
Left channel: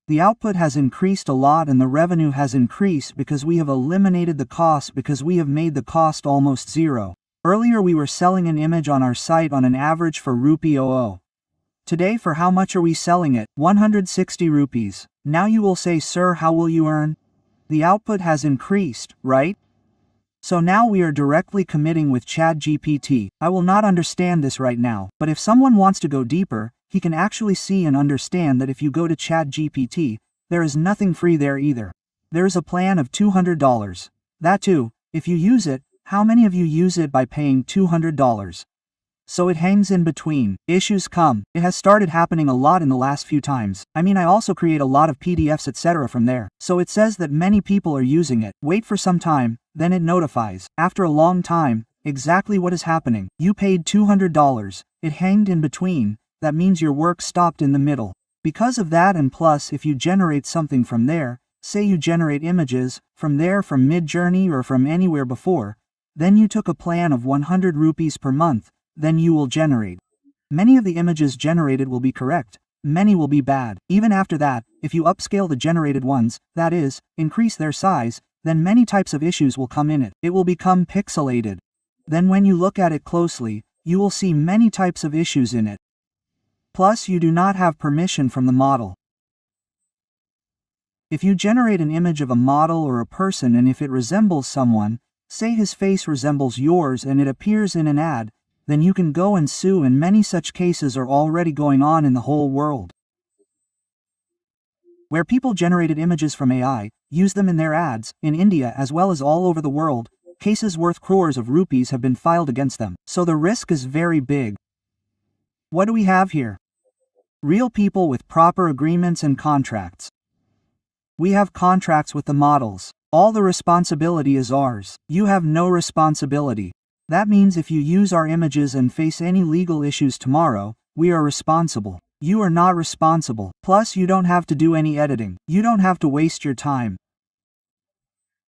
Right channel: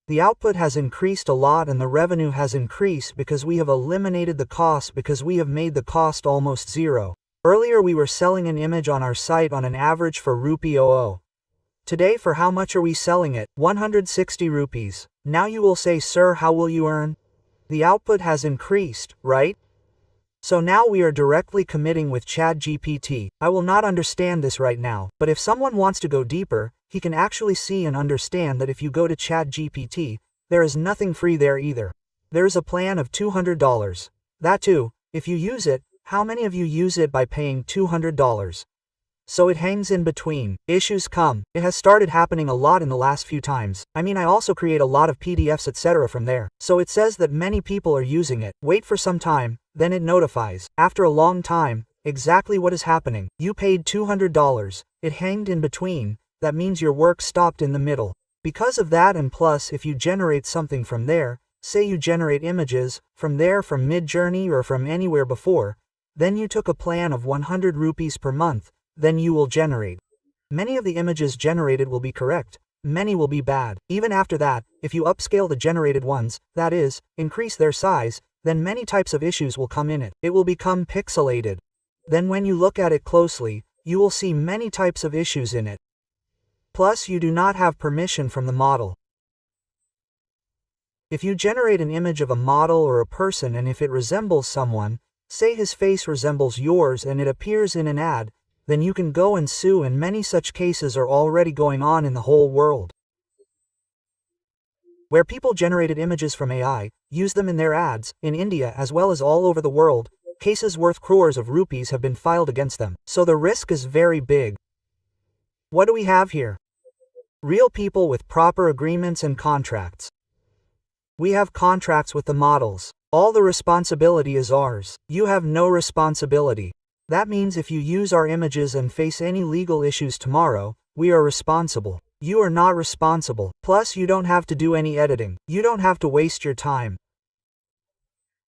The output has increased a lot and the revenue has increased because we have eliminated the cost, because we have made the cost almost zero. Earlier we were selling an image on our site on an average for rupee 00. Today for how much are we selling it? 160 rupees. Now you will say, sir, how will you earn? The output has increased, right? So now we are directly committing with ChatGPT. I will not understand this right now, but if someone wants to go deeper, he can actually see and understand that if you go to ChatGPT, there is nothing free there either. There is a plan of $200. That too, if you use it, how many of you use it by paying $200? So it hangs in between. Issues come. It has started happening a lot in the last few times. I mean, I also create a lot of PDFs etc. from there. So it says that many people are using it. Wait for some time, then it notifies. After a long time, exactly what is happening. You paid $200. It hanged in between. That means your work stopped in the middle. Because of that, and plus if you generate something from there, say you generate images from there, from Midjourney or from anywhere before, then you took a plan of 100 rupees per month, then you will generate. Many of the images generated will be correct, many will be bad. Even after that, if you upscale the generated ones, that is, increase their size, then many types of issues will come in it. It will become pixelated. Then when you look at it closely, you will see many types of issues in it. Plus you do not have permission from the model. If you generate an image of a model or a person and if it resembles someone, say his face resembles yours and it appears in an ad, then you can go and sue, and many such cases are already going on in the whole world. Where people generated images from AI, use them in their ads, in India as well as all over the world, cases worth crores of rupees have been filed against them. So the risk is very big. What do we have here? Real people with proper agreements and contracts. We have contracts with the models. All the responsibility is ours. You have no responsibility. That means if you use our images and face any legal issues tomorrow, we are responsible. You are not responsible. Plus you don't have to do any editing. You don't have to waste your time.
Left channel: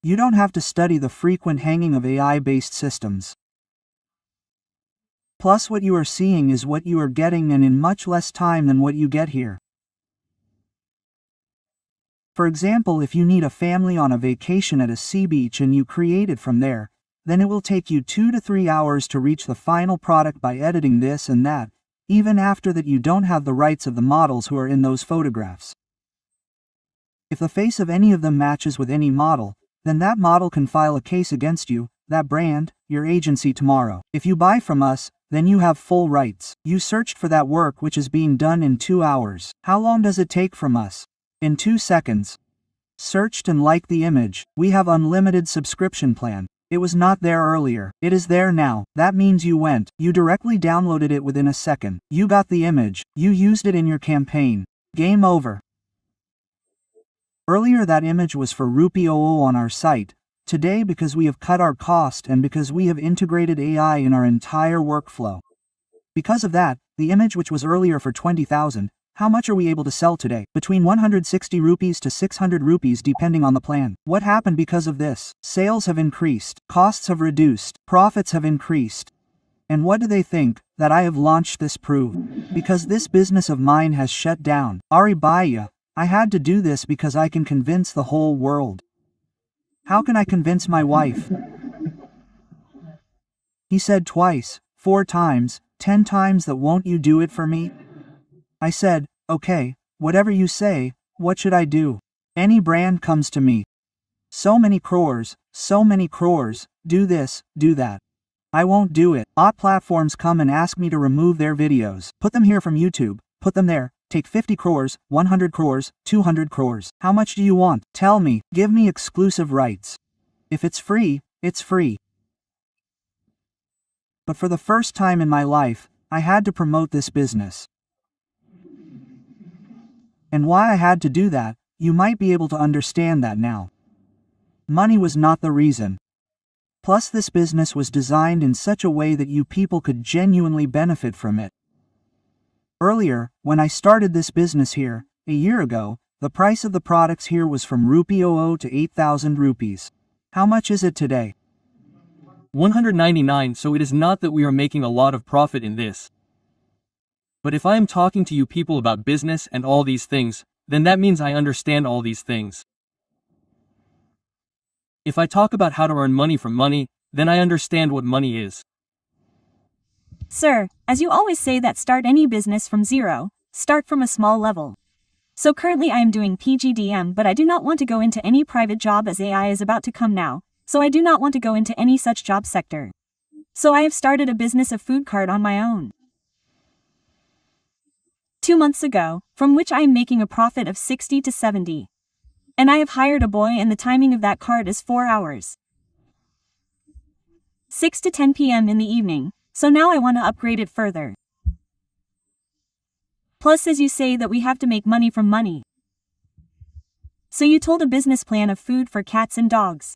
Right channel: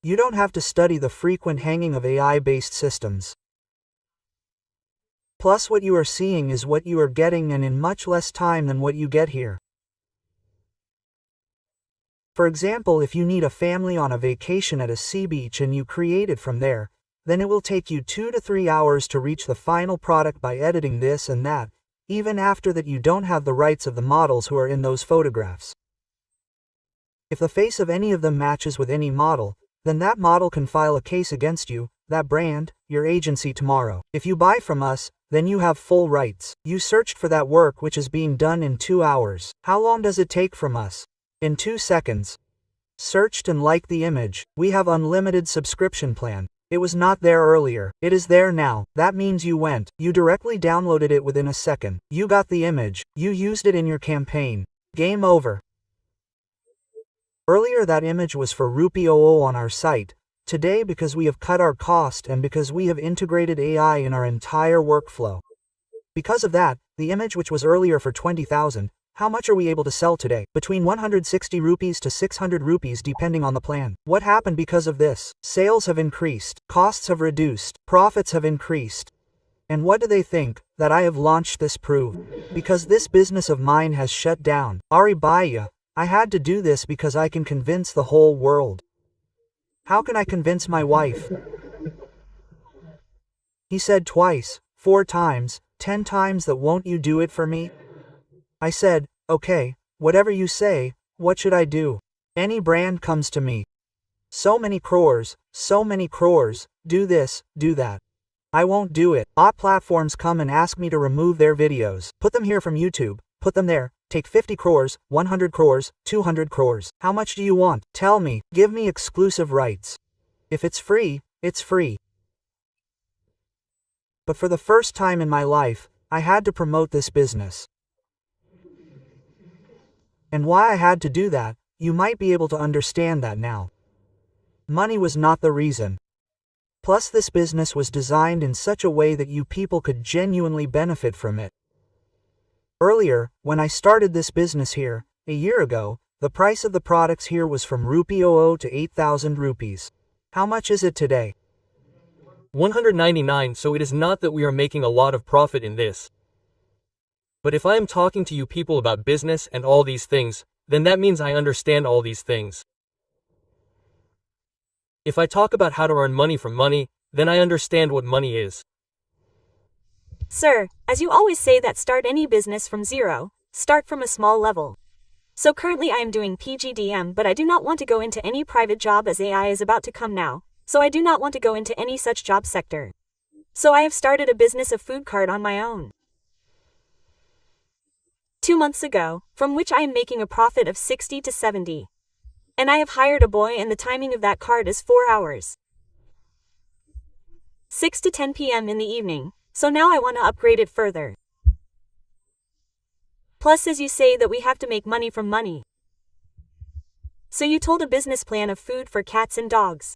You don't have to study the frequent hanging of AI-based systems. Plus what you are seeing is what you are getting, and in much less time than what you get here. For example, if you need a family on a vacation at a sea beach and you create it from there, then it will take you 2 to 3 hours to reach the final product by editing this and that, even after that you don't have the rights of the models who are in those photographs. If the face of any of them matches with any model, then that model can file a case against you, that brand, your agency tomorrow. If you buy from us, then you have full rights. You searched for that work which is being done in 2 hours. How long does it take from us? In 2 seconds. Searched and liked the image. We have unlimited subscription plan. It was not there earlier. It is there now. That means you went. You directly downloaded it within a second. You got the image. You used it in your campaign. Game over. Earlier that image was for Rupee 00 on our site. Today, because we have cut our cost and because we have integrated AI in our entire workflow. Because of that, the image which was earlier for 20,000, how much are we able to sell today? Between 160 rupees to 600 rupees depending on the plan. What happened because of this? Sales have increased, costs have reduced, profits have increased. And what do they think? That I have launched this proof? Because this business of mine has shut down. Ari Baya, I had to do this because I can convince the whole world. How can I convince my wife? He said twice, 4 times, 10 times that won't you do it for me? I said, okay, whatever you say, what should I do? Any brand comes to me. So many crores, do this, do that. I won't do it. Odd platforms come and ask me to remove their videos. Put them here from YouTube, put them there, take 50 crores, 100 crores, 200 crores. How much do you want? Tell me, give me exclusive rights. If it's free, it's free. But for the first time in my life, I had to promote this business. And why I had to do that, you might be able to understand that now. Money was not the reason. Plus this business was designed in such a way that you people could genuinely benefit from it. Earlier, when I started this business here, a year ago, the price of the products here was from Rupee 00 to 8,000 rupees. How much is it today? 199. So it is not that we are making a lot of profit in this. But if I am talking to you people about business and all these things, then that means I understand all these things. If I talk about how to earn money from money, then I understand what money is. Sir, as you always say that start any business from zero, start from a small level. So currently I am doing PGDM, but I do not want to go into any private job as AI is about to come now, so I do not want to go into any such job sector. So I have started a business of food cart on my own. 2 months ago, from which I am making a profit of 60 to 70. And I have hired a boy and the timing of that cart is 4 hours. 6 to 10 p.m. in the evening, so now I want to upgrade it further. Plus, as you say that we have to make money from money. So you told a business plan of food for cats and dogs.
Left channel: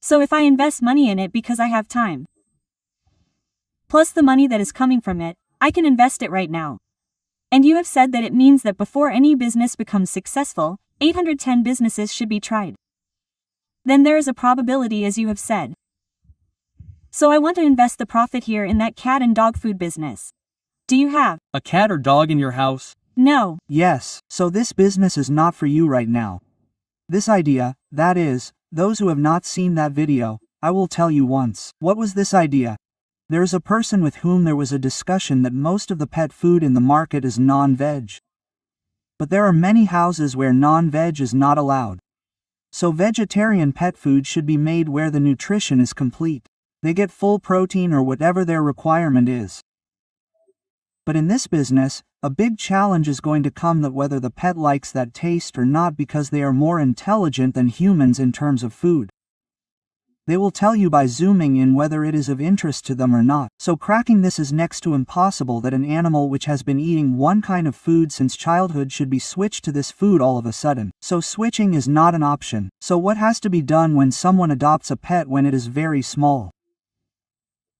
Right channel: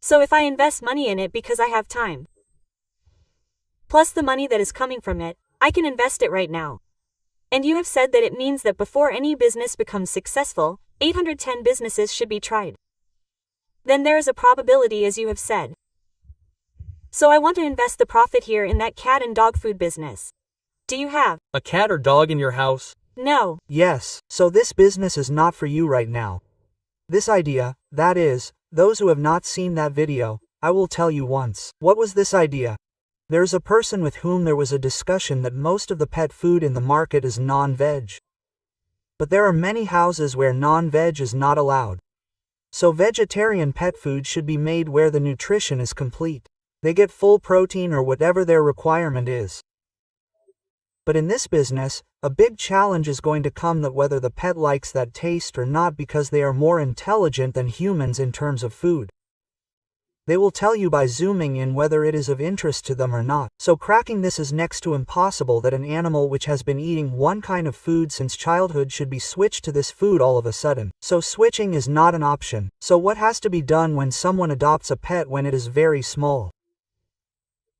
So if I invest money in it because I have time, plus the money that is coming from it, I can invest it right now. And you have said that it means that before any business becomes successful, 810 businesses should be tried. Then there is a probability as you have said. So I want to invest the profit here in that cat and dog food business. Do you have A cat or dog in your house? No. Yes, so this business is not for you right now. This idea, that is, those who have not seen that video, I will tell you once. What was this idea? There's a person with whom there was a discussion that most of the pet food in the market is non-veg. But there are many houses where non-veg is not allowed. So vegetarian pet food should be made where the nutrition is complete. They get full protein or whatever their requirement is. But in this business, a big challenge is going to come that whether the pet likes that taste or not because they are more intelligent than humans in terms of food. They will tell you by zooming in whether it is of interest to them or not. So cracking this is next to impossible that an animal which has been eating one kind of food since childhood should be switched to this food all of a sudden. So switching is not an option. So what has to be done when someone adopts a pet when it is very small?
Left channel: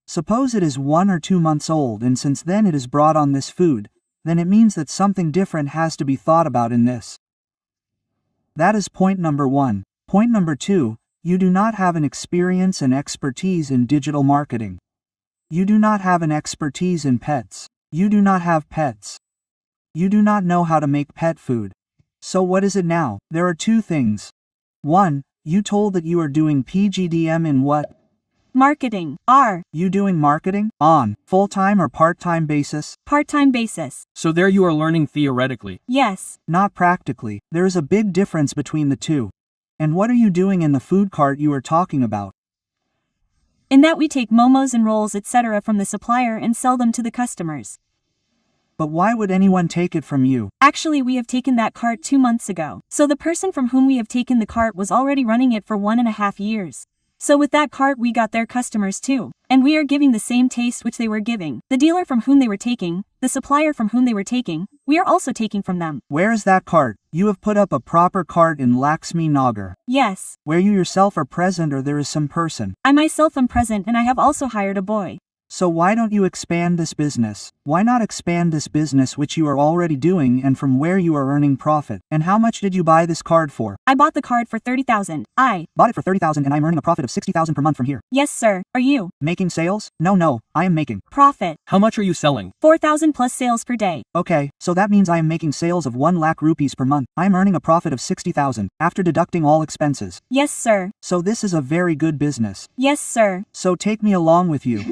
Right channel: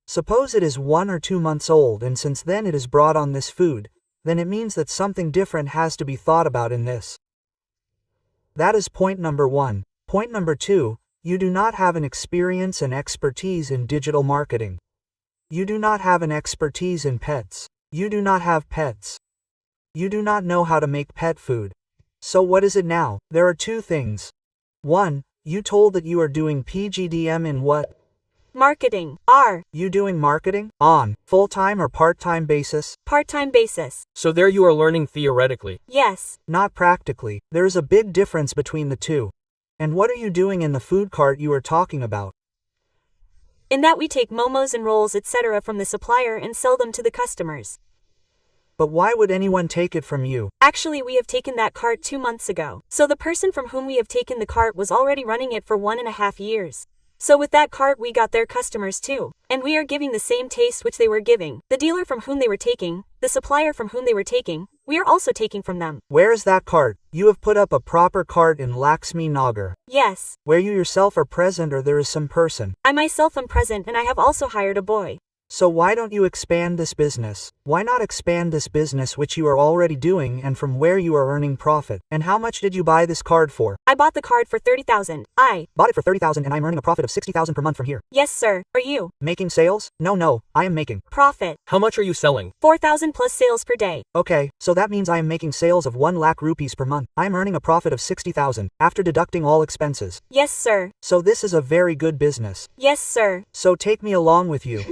Suppose it is 1 or 2 months old and since then it is brought on this food, then it means that something different has to be thought about in this. That is point number 1. Point number 2, you do not have an experience and expertise in digital marketing. You do not have an expertise in pets. You do not have pets. You do not know how to make pet food. So what is it now? There are 2 things. 1, you told that you are doing PGDM in what? Marketing. R. You doing marketing? On full-time or part-time basis? Part-time basis. So there you are learning theoretically. Yes. Not practically. There is a big difference between the two. And what are you doing in the food cart you are talking about? In that we take momos and rolls etc. from the supplier and sell them to the customers. But why would anyone take it from you? Actually, we have taken that cart 2 months ago. So the person from whom we have taken the cart was already running it for 1.5 years. So with that cart we got their customers too. And we are giving the same taste which they were giving. The dealer from whom they were taking, the supplier from whom they were taking, we are also taking from them. Where is that cart? You have put up a proper cart in Laxmi Nagar. Yes. Where you yourself are present or there is some person. I myself am present and I have also hired a boy. So why don't you expand this business? Why not expand this business which you are already doing and from where you are earning profit? And how much did you buy this card for? I bought the card for 30,000. I bought it for 30,000 and I'm earning a profit of 60,000 per month from here. Yes, sir. Are you Making sales? No, I am making profit. How much are you selling? 4,000 plus sales per day. Okay, so that means I am making sales of 1 lakh rupees per month. I am earning a profit of 60,000 after deducting all expenses. Yes, sir. So this is a very good business. Yes, sir. So take me along with you.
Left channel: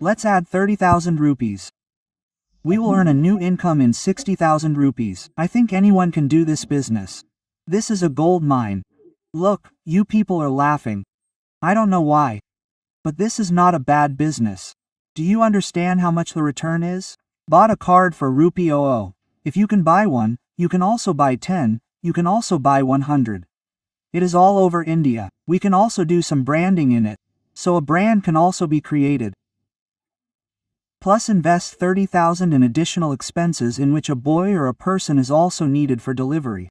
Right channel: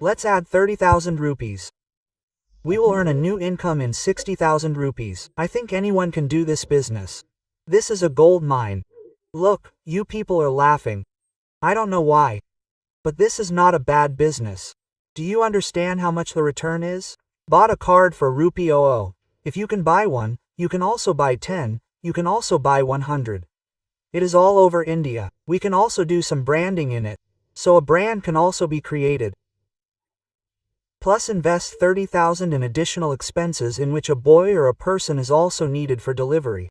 Let's add 30,000 rupees. We will earn a new income in 60,000 rupees. I think anyone can do this business. This is a gold mine. Look, you people are laughing. I don't know why. But this is not a bad business. Do you understand how much the return is? Bought a card for rupee 00. If you can buy one, you can also buy 10, you can also buy 100. It is all over India. We can also do some branding in it. So a brand can also be created. Plus invest 30,000 in additional expenses in which a boy or a person is also needed for delivery.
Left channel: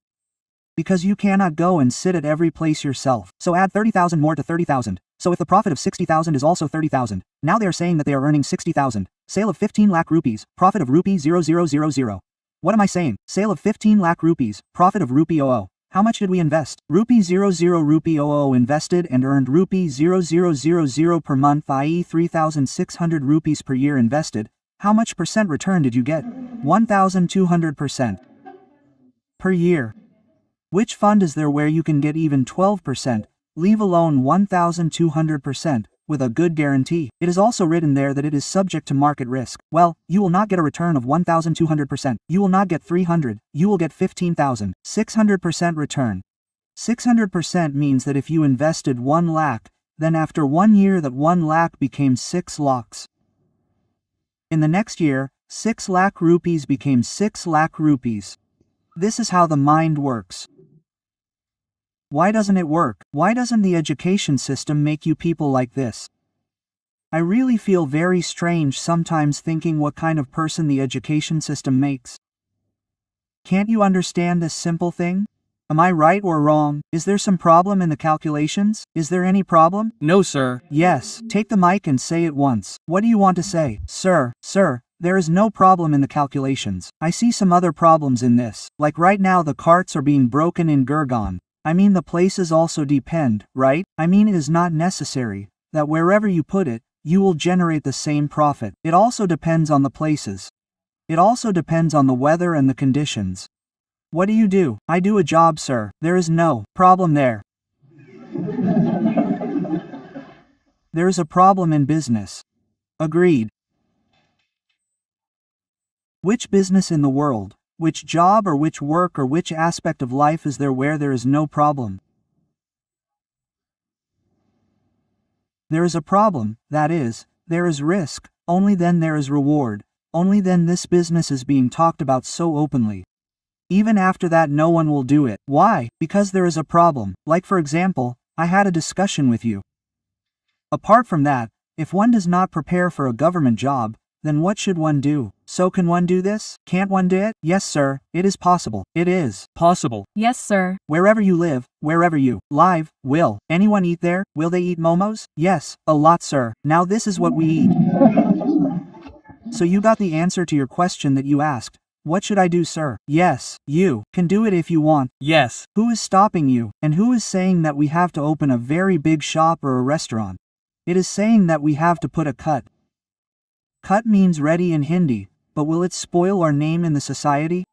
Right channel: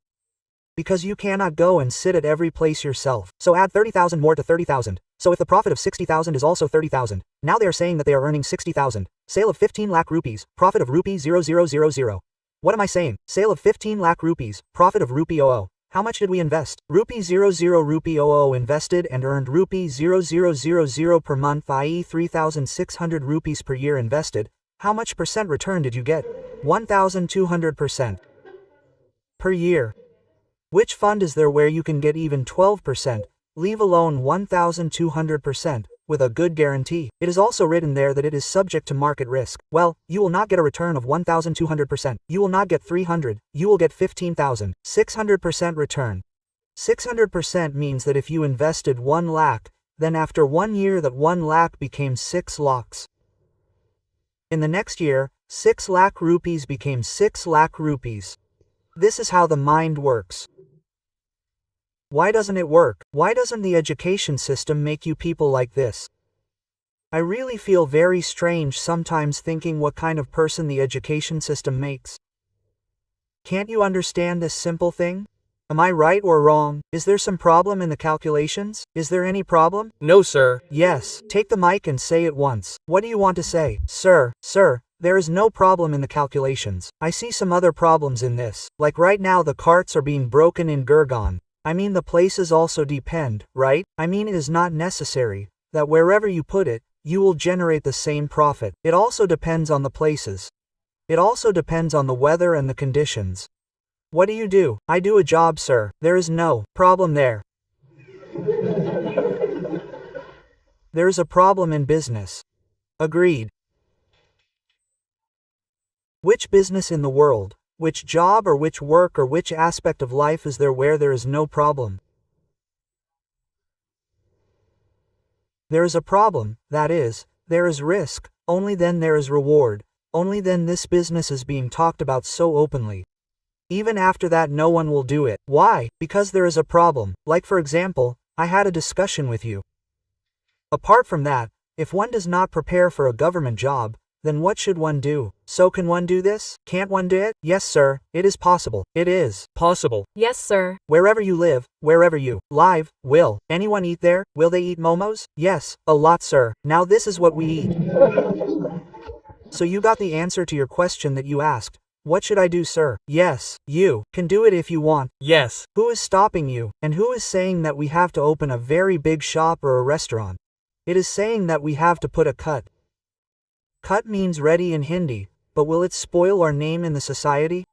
Because you cannot go and sit at every place yourself. So add 30,000 more to 30,000. So if the profit of 60,000 is also 30,000, now they are saying that they are earning 60,000. Sale of 15 lakh rupees, profit of rupee 0000. What am I saying? Sale of 15 lakh rupees, profit of rupee 00. How much did we invest? Rupee 00 rupee 00 invested and earned rupee 0000 per month, i.e. 3,600 rupees per year invested. How much percent return did you get? 1,200% per year. Which fund is there where you can get even 12%, leave alone 1,200%, with a good guarantee? It is also written there that it is subject to market risk. Well, you will not get a return of 1,200%. You will not get 300, you will get 15,000. 600% return. 600% means that if you invested 1 lakh, Then after 1 year that 1 lakh became 6 lakhs. In the next year, 6 lakh rupees became 6 lakh rupees. This is how the mind works. Why doesn't it work? Why doesn't the education system make you people like this? I really feel very strange sometimes thinking what kind of person the education system makes. Can't you understand this simple thing? Am I right or wrong? Is there some problem in the calculations? Is there any problem? No, sir. Yes, take the mic and say it once. What do you want to say? Sir, there is no problem in the calculations. I see some other problems in this. Like right now the carts are being broken in Gurgaon. I mean the places also depend, right? I mean it is not necessary that wherever you put it, you will generate the same profit. It also depends on the places. It also depends on the weather and the conditions. What do? I do a job, sir. There is no problem there. There is a problem in business. Agreed. Which business in the world, which job or which work or which aspect of life is there where there is no problem? There is a problem, that is, there is risk, only then there is reward, only then this business is being talked about so openly. Even after that no one will do it. Why? Because there is a problem. Like for example, I had a discussion with you. Apart from that, if one does not prepare for a government job, then what should one do? So can one do this? Can't one do it? Yes sir, it is possible. It is possible. Yes, sir. Wherever you live, wherever you live, will anyone eat there? Will they eat momos? Yes, a lot sir. Now this is what we eat. So you got the answer to your question that you asked. What should I do, sir? Yes, you can do it if you want. Yes. Who is stopping you? And who is saying that we have to open a very big shop or a restaurant? It is saying that we have to put a cut. Cut means ready in Hindi, but will it spoil our name in the society?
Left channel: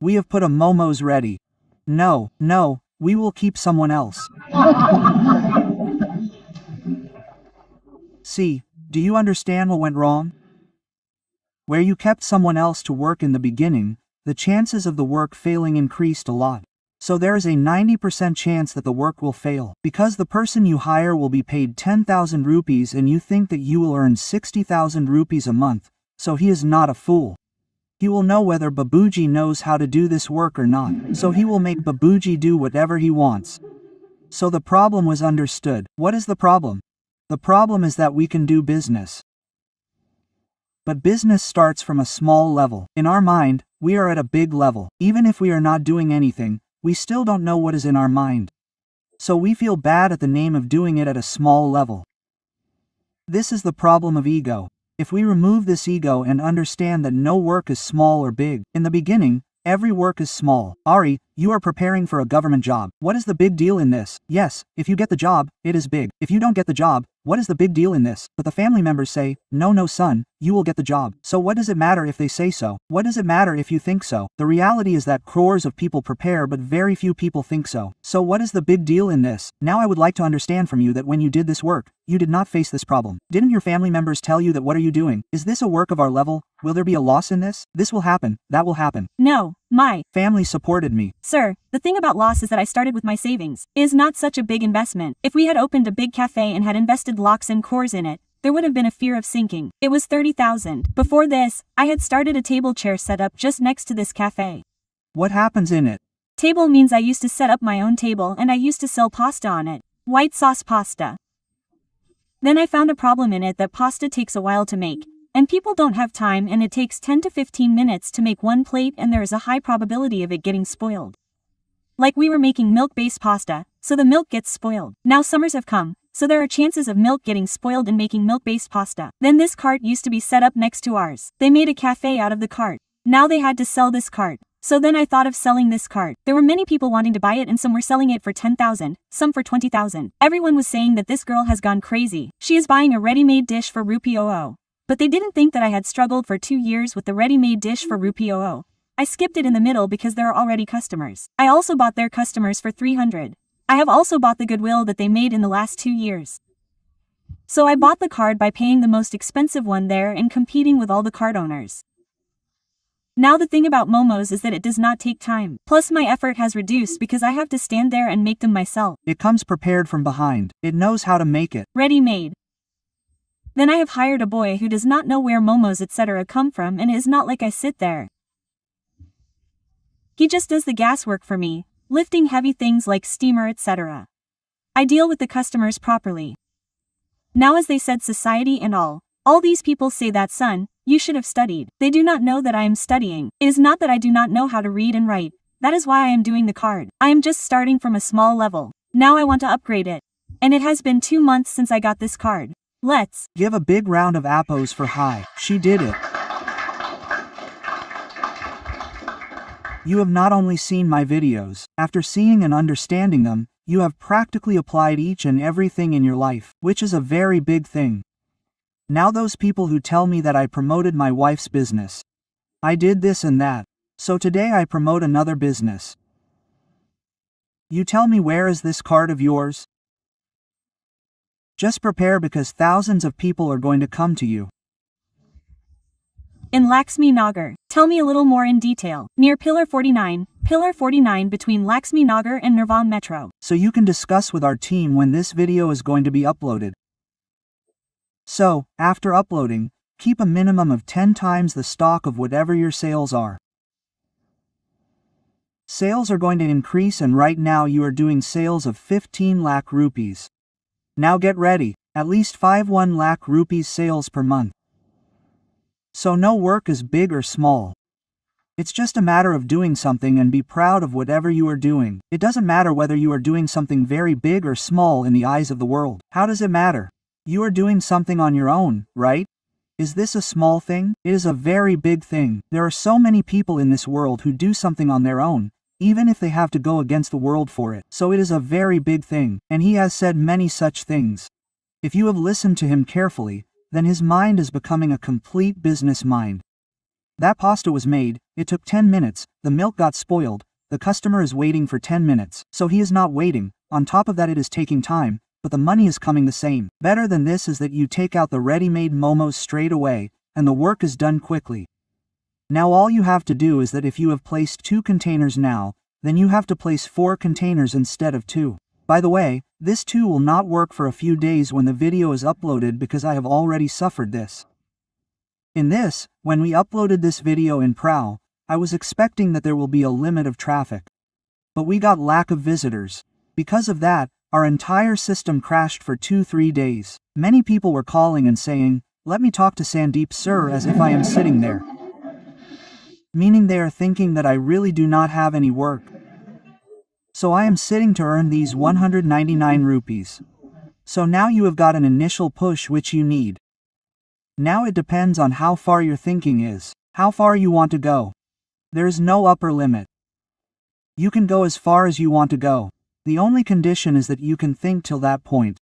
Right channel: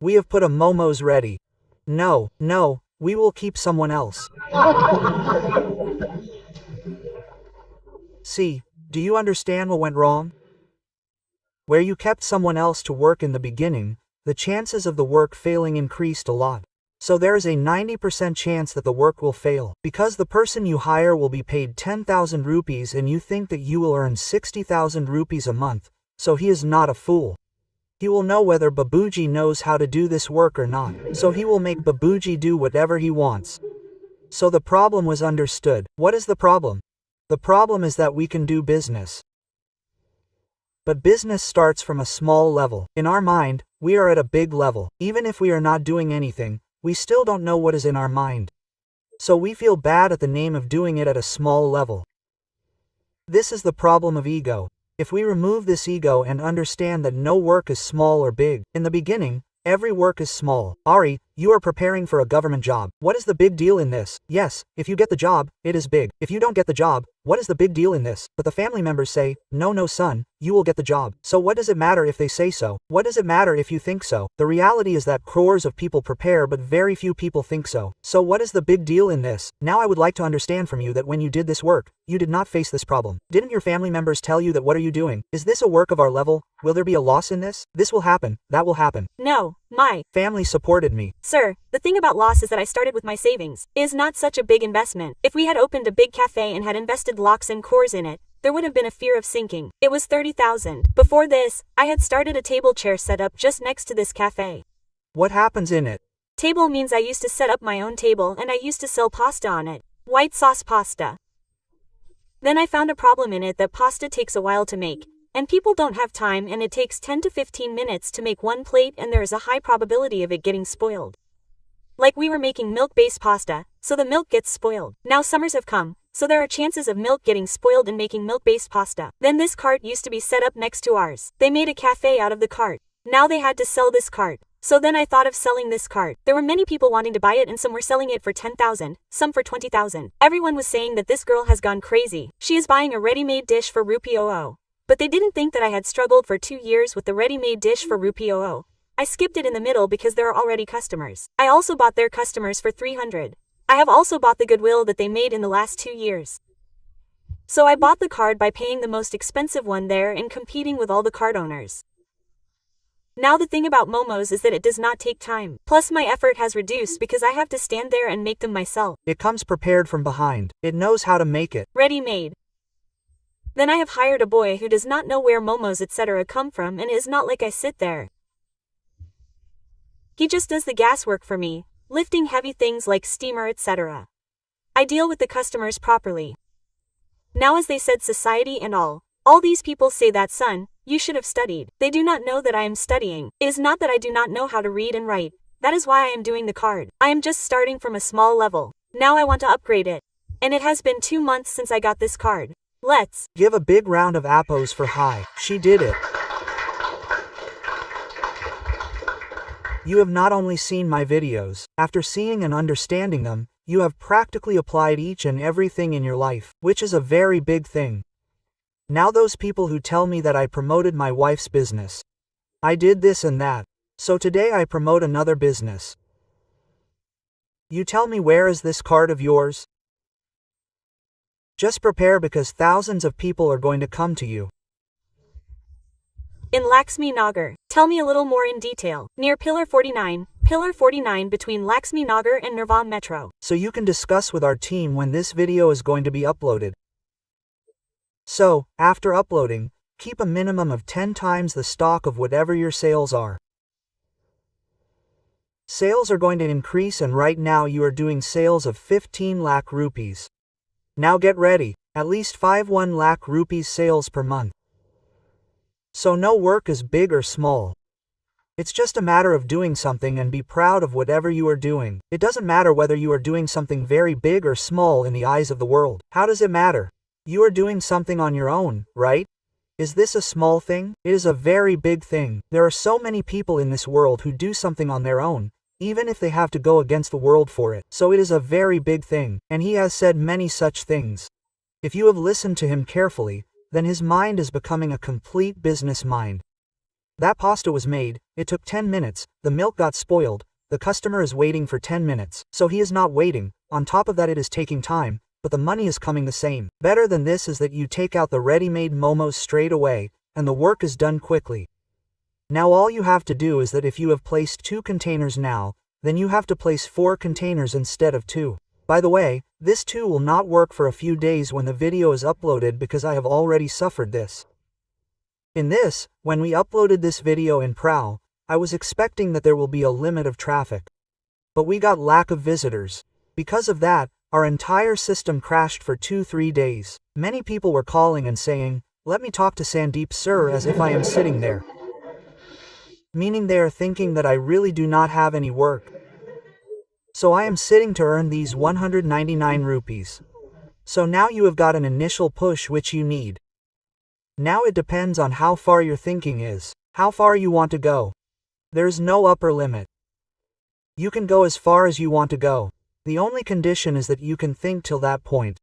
We have put a momos ready. No, we will keep someone else. See, do you understand what went wrong? Where you kept someone else to work in the beginning, the chances of the work failing increased a lot. So there is a 90% chance that the work will fail. Because the person you hire will be paid 10,000 rupees and you think that you will earn 60,000 rupees a month, so he is not a fool. He will know whether Babuji knows how to do this work or not, so he will make Babuji do whatever he wants. So the problem was understood. What is the problem? The problem is that we can do business. But business starts from a small level. In our mind, we are at a big level. Even if we are not doing anything, we still don't know what is in our mind. So we feel bad at the name of doing it at a small level. This is the problem of ego. If we remove this ego and understand that no work is small or big, in the beginning, every work is small. Ari, you are preparing for a government job. What is the big deal in this? Yes, if you get the job, it is big. If you don't get the job, what is the big deal in this? But the family members say, no son, you will get the job. So what does it matter if they say so? What does it matter if you think so? The reality is that crores of people prepare but very few people think so. So what is the big deal in this? Now I would like to understand from you that when you did this work, you did not face this problem. Didn't your family members tell you that what are you doing? Is this a work of our level? Will there be a loss in this? This will happen, that will happen. No, my family supported me. Sir, the thing about loss is that I started with my savings. It is not such a big investment. If we had opened a big cafe and had invested lakhs and crores in it, there would have been a fear of sinking. It was 30,000. Before this, I had started a table chair setup just next to this cafe. What happens in it? Table means I used to set up my own table and I used to sell pasta on it. White sauce pasta. Then I found a problem in it that pasta takes a while to make. And people don't have time and it takes 10 to 15 minutes to make one plate and there is a high probability of it getting spoiled. Like we were making milk-based pasta, so the milk gets spoiled. Now summers have come, so there are chances of milk getting spoiled in making milk-based pasta. Then this cart used to be set up next to ours. They made a cafe out of the cart. Now they had to sell this cart. So then I thought of selling this cart. There were many people wanting to buy it and some were selling it for 10,000, some for 20,000. Everyone was saying that this girl has gone crazy. She is buying a ready-made dish for rupee 00. But they didn't think that I had struggled for 2 years with the ready-made dish for rupee 00. I skipped it in the middle because there are already customers. I also bought their customers for 300. I have also bought the goodwill that they made in the last 2 years. So I bought the card by paying the most expensive one there and competing with all the card owners. Now the thing about momos is that it does not take time. Plus my effort has reduced because I have to stand there and make them myself. It comes prepared from behind. It knows how to make it. Ready-made. Then I have hired a boy who does not know where momos etc. come from, and it is not like I sit there. He just does the gas work for me, lifting heavy things like steamer etc. I deal with the customers properly. Now as they said society and all these people say that son, you should have studied. They do not know that I am studying. It is not that I do not know how to read and write. That is why I am doing the card. I am just starting from a small level. Now I want to upgrade it. And it has been 2 months since I got this card. Let's give a big round of appos for Hai. She did it. You have not only seen my videos, after seeing and understanding them, you have practically applied each and everything in your life, which is a very big thing. Now those people who tell me that I promoted my wife's business. I did this and that. So today I promote another business. You tell me, where is this card of yours? Just prepare, because thousands of people are going to come to you. in Laxmi Nagar. Tell me a little more in detail. Near Pillar 49 between Laxmi Nagar and Nirvan Metro. So you can discuss with our team when this video is going to be uploaded. So, after uploading, keep a minimum of 10 times the stock of whatever your sales are. Sales are going to increase, and right now you are doing sales of 15 lakh rupees. Now get ready, at least 51 lakh rupees sales per month. So no work is big or small. It's just a matter of doing something and be proud of whatever you are doing. It doesn't matter whether you are doing something very big or small in the eyes of the world. How does it matter? You are doing something on your own, right? Is this a small thing? It is a very big thing. There are so many people in this world who do something on their own, even if they have to go against the world for it. So it is a very big thing, and he has said many such things. If you have listened to him carefully, then his mind is becoming a complete business mind. That pasta was made, it took 10 minutes, the milk got spoiled, the customer is waiting for 10 minutes, so he is not waiting. On top of that, it is taking time, but the money is coming the same. Better than this is that you take out the ready-made momos straight away, and the work is done quickly. Now all you have to do is that if you have placed 2 containers now, then you have to place 4 containers instead of 2. By the way, this 2 will not work for a few days when the video is uploaded, because I have already suffered this. In this, when we uploaded this video in Prao, I was expecting that there will be a limit of traffic. But we got lack of visitors. Because of that, our entire system crashed for 2-3 days. Many people were calling and saying, "Let me talk to Sandeep sir," as if I am sitting there. Meaning they are thinking that I really do not have any work. So I am sitting to earn these 199 rupees. So now you have got an initial push which you need. Now it depends on how far your thinking is, how far you want to go. There is no upper limit. You can go as far as you want to go. The only condition is that you can think till that point.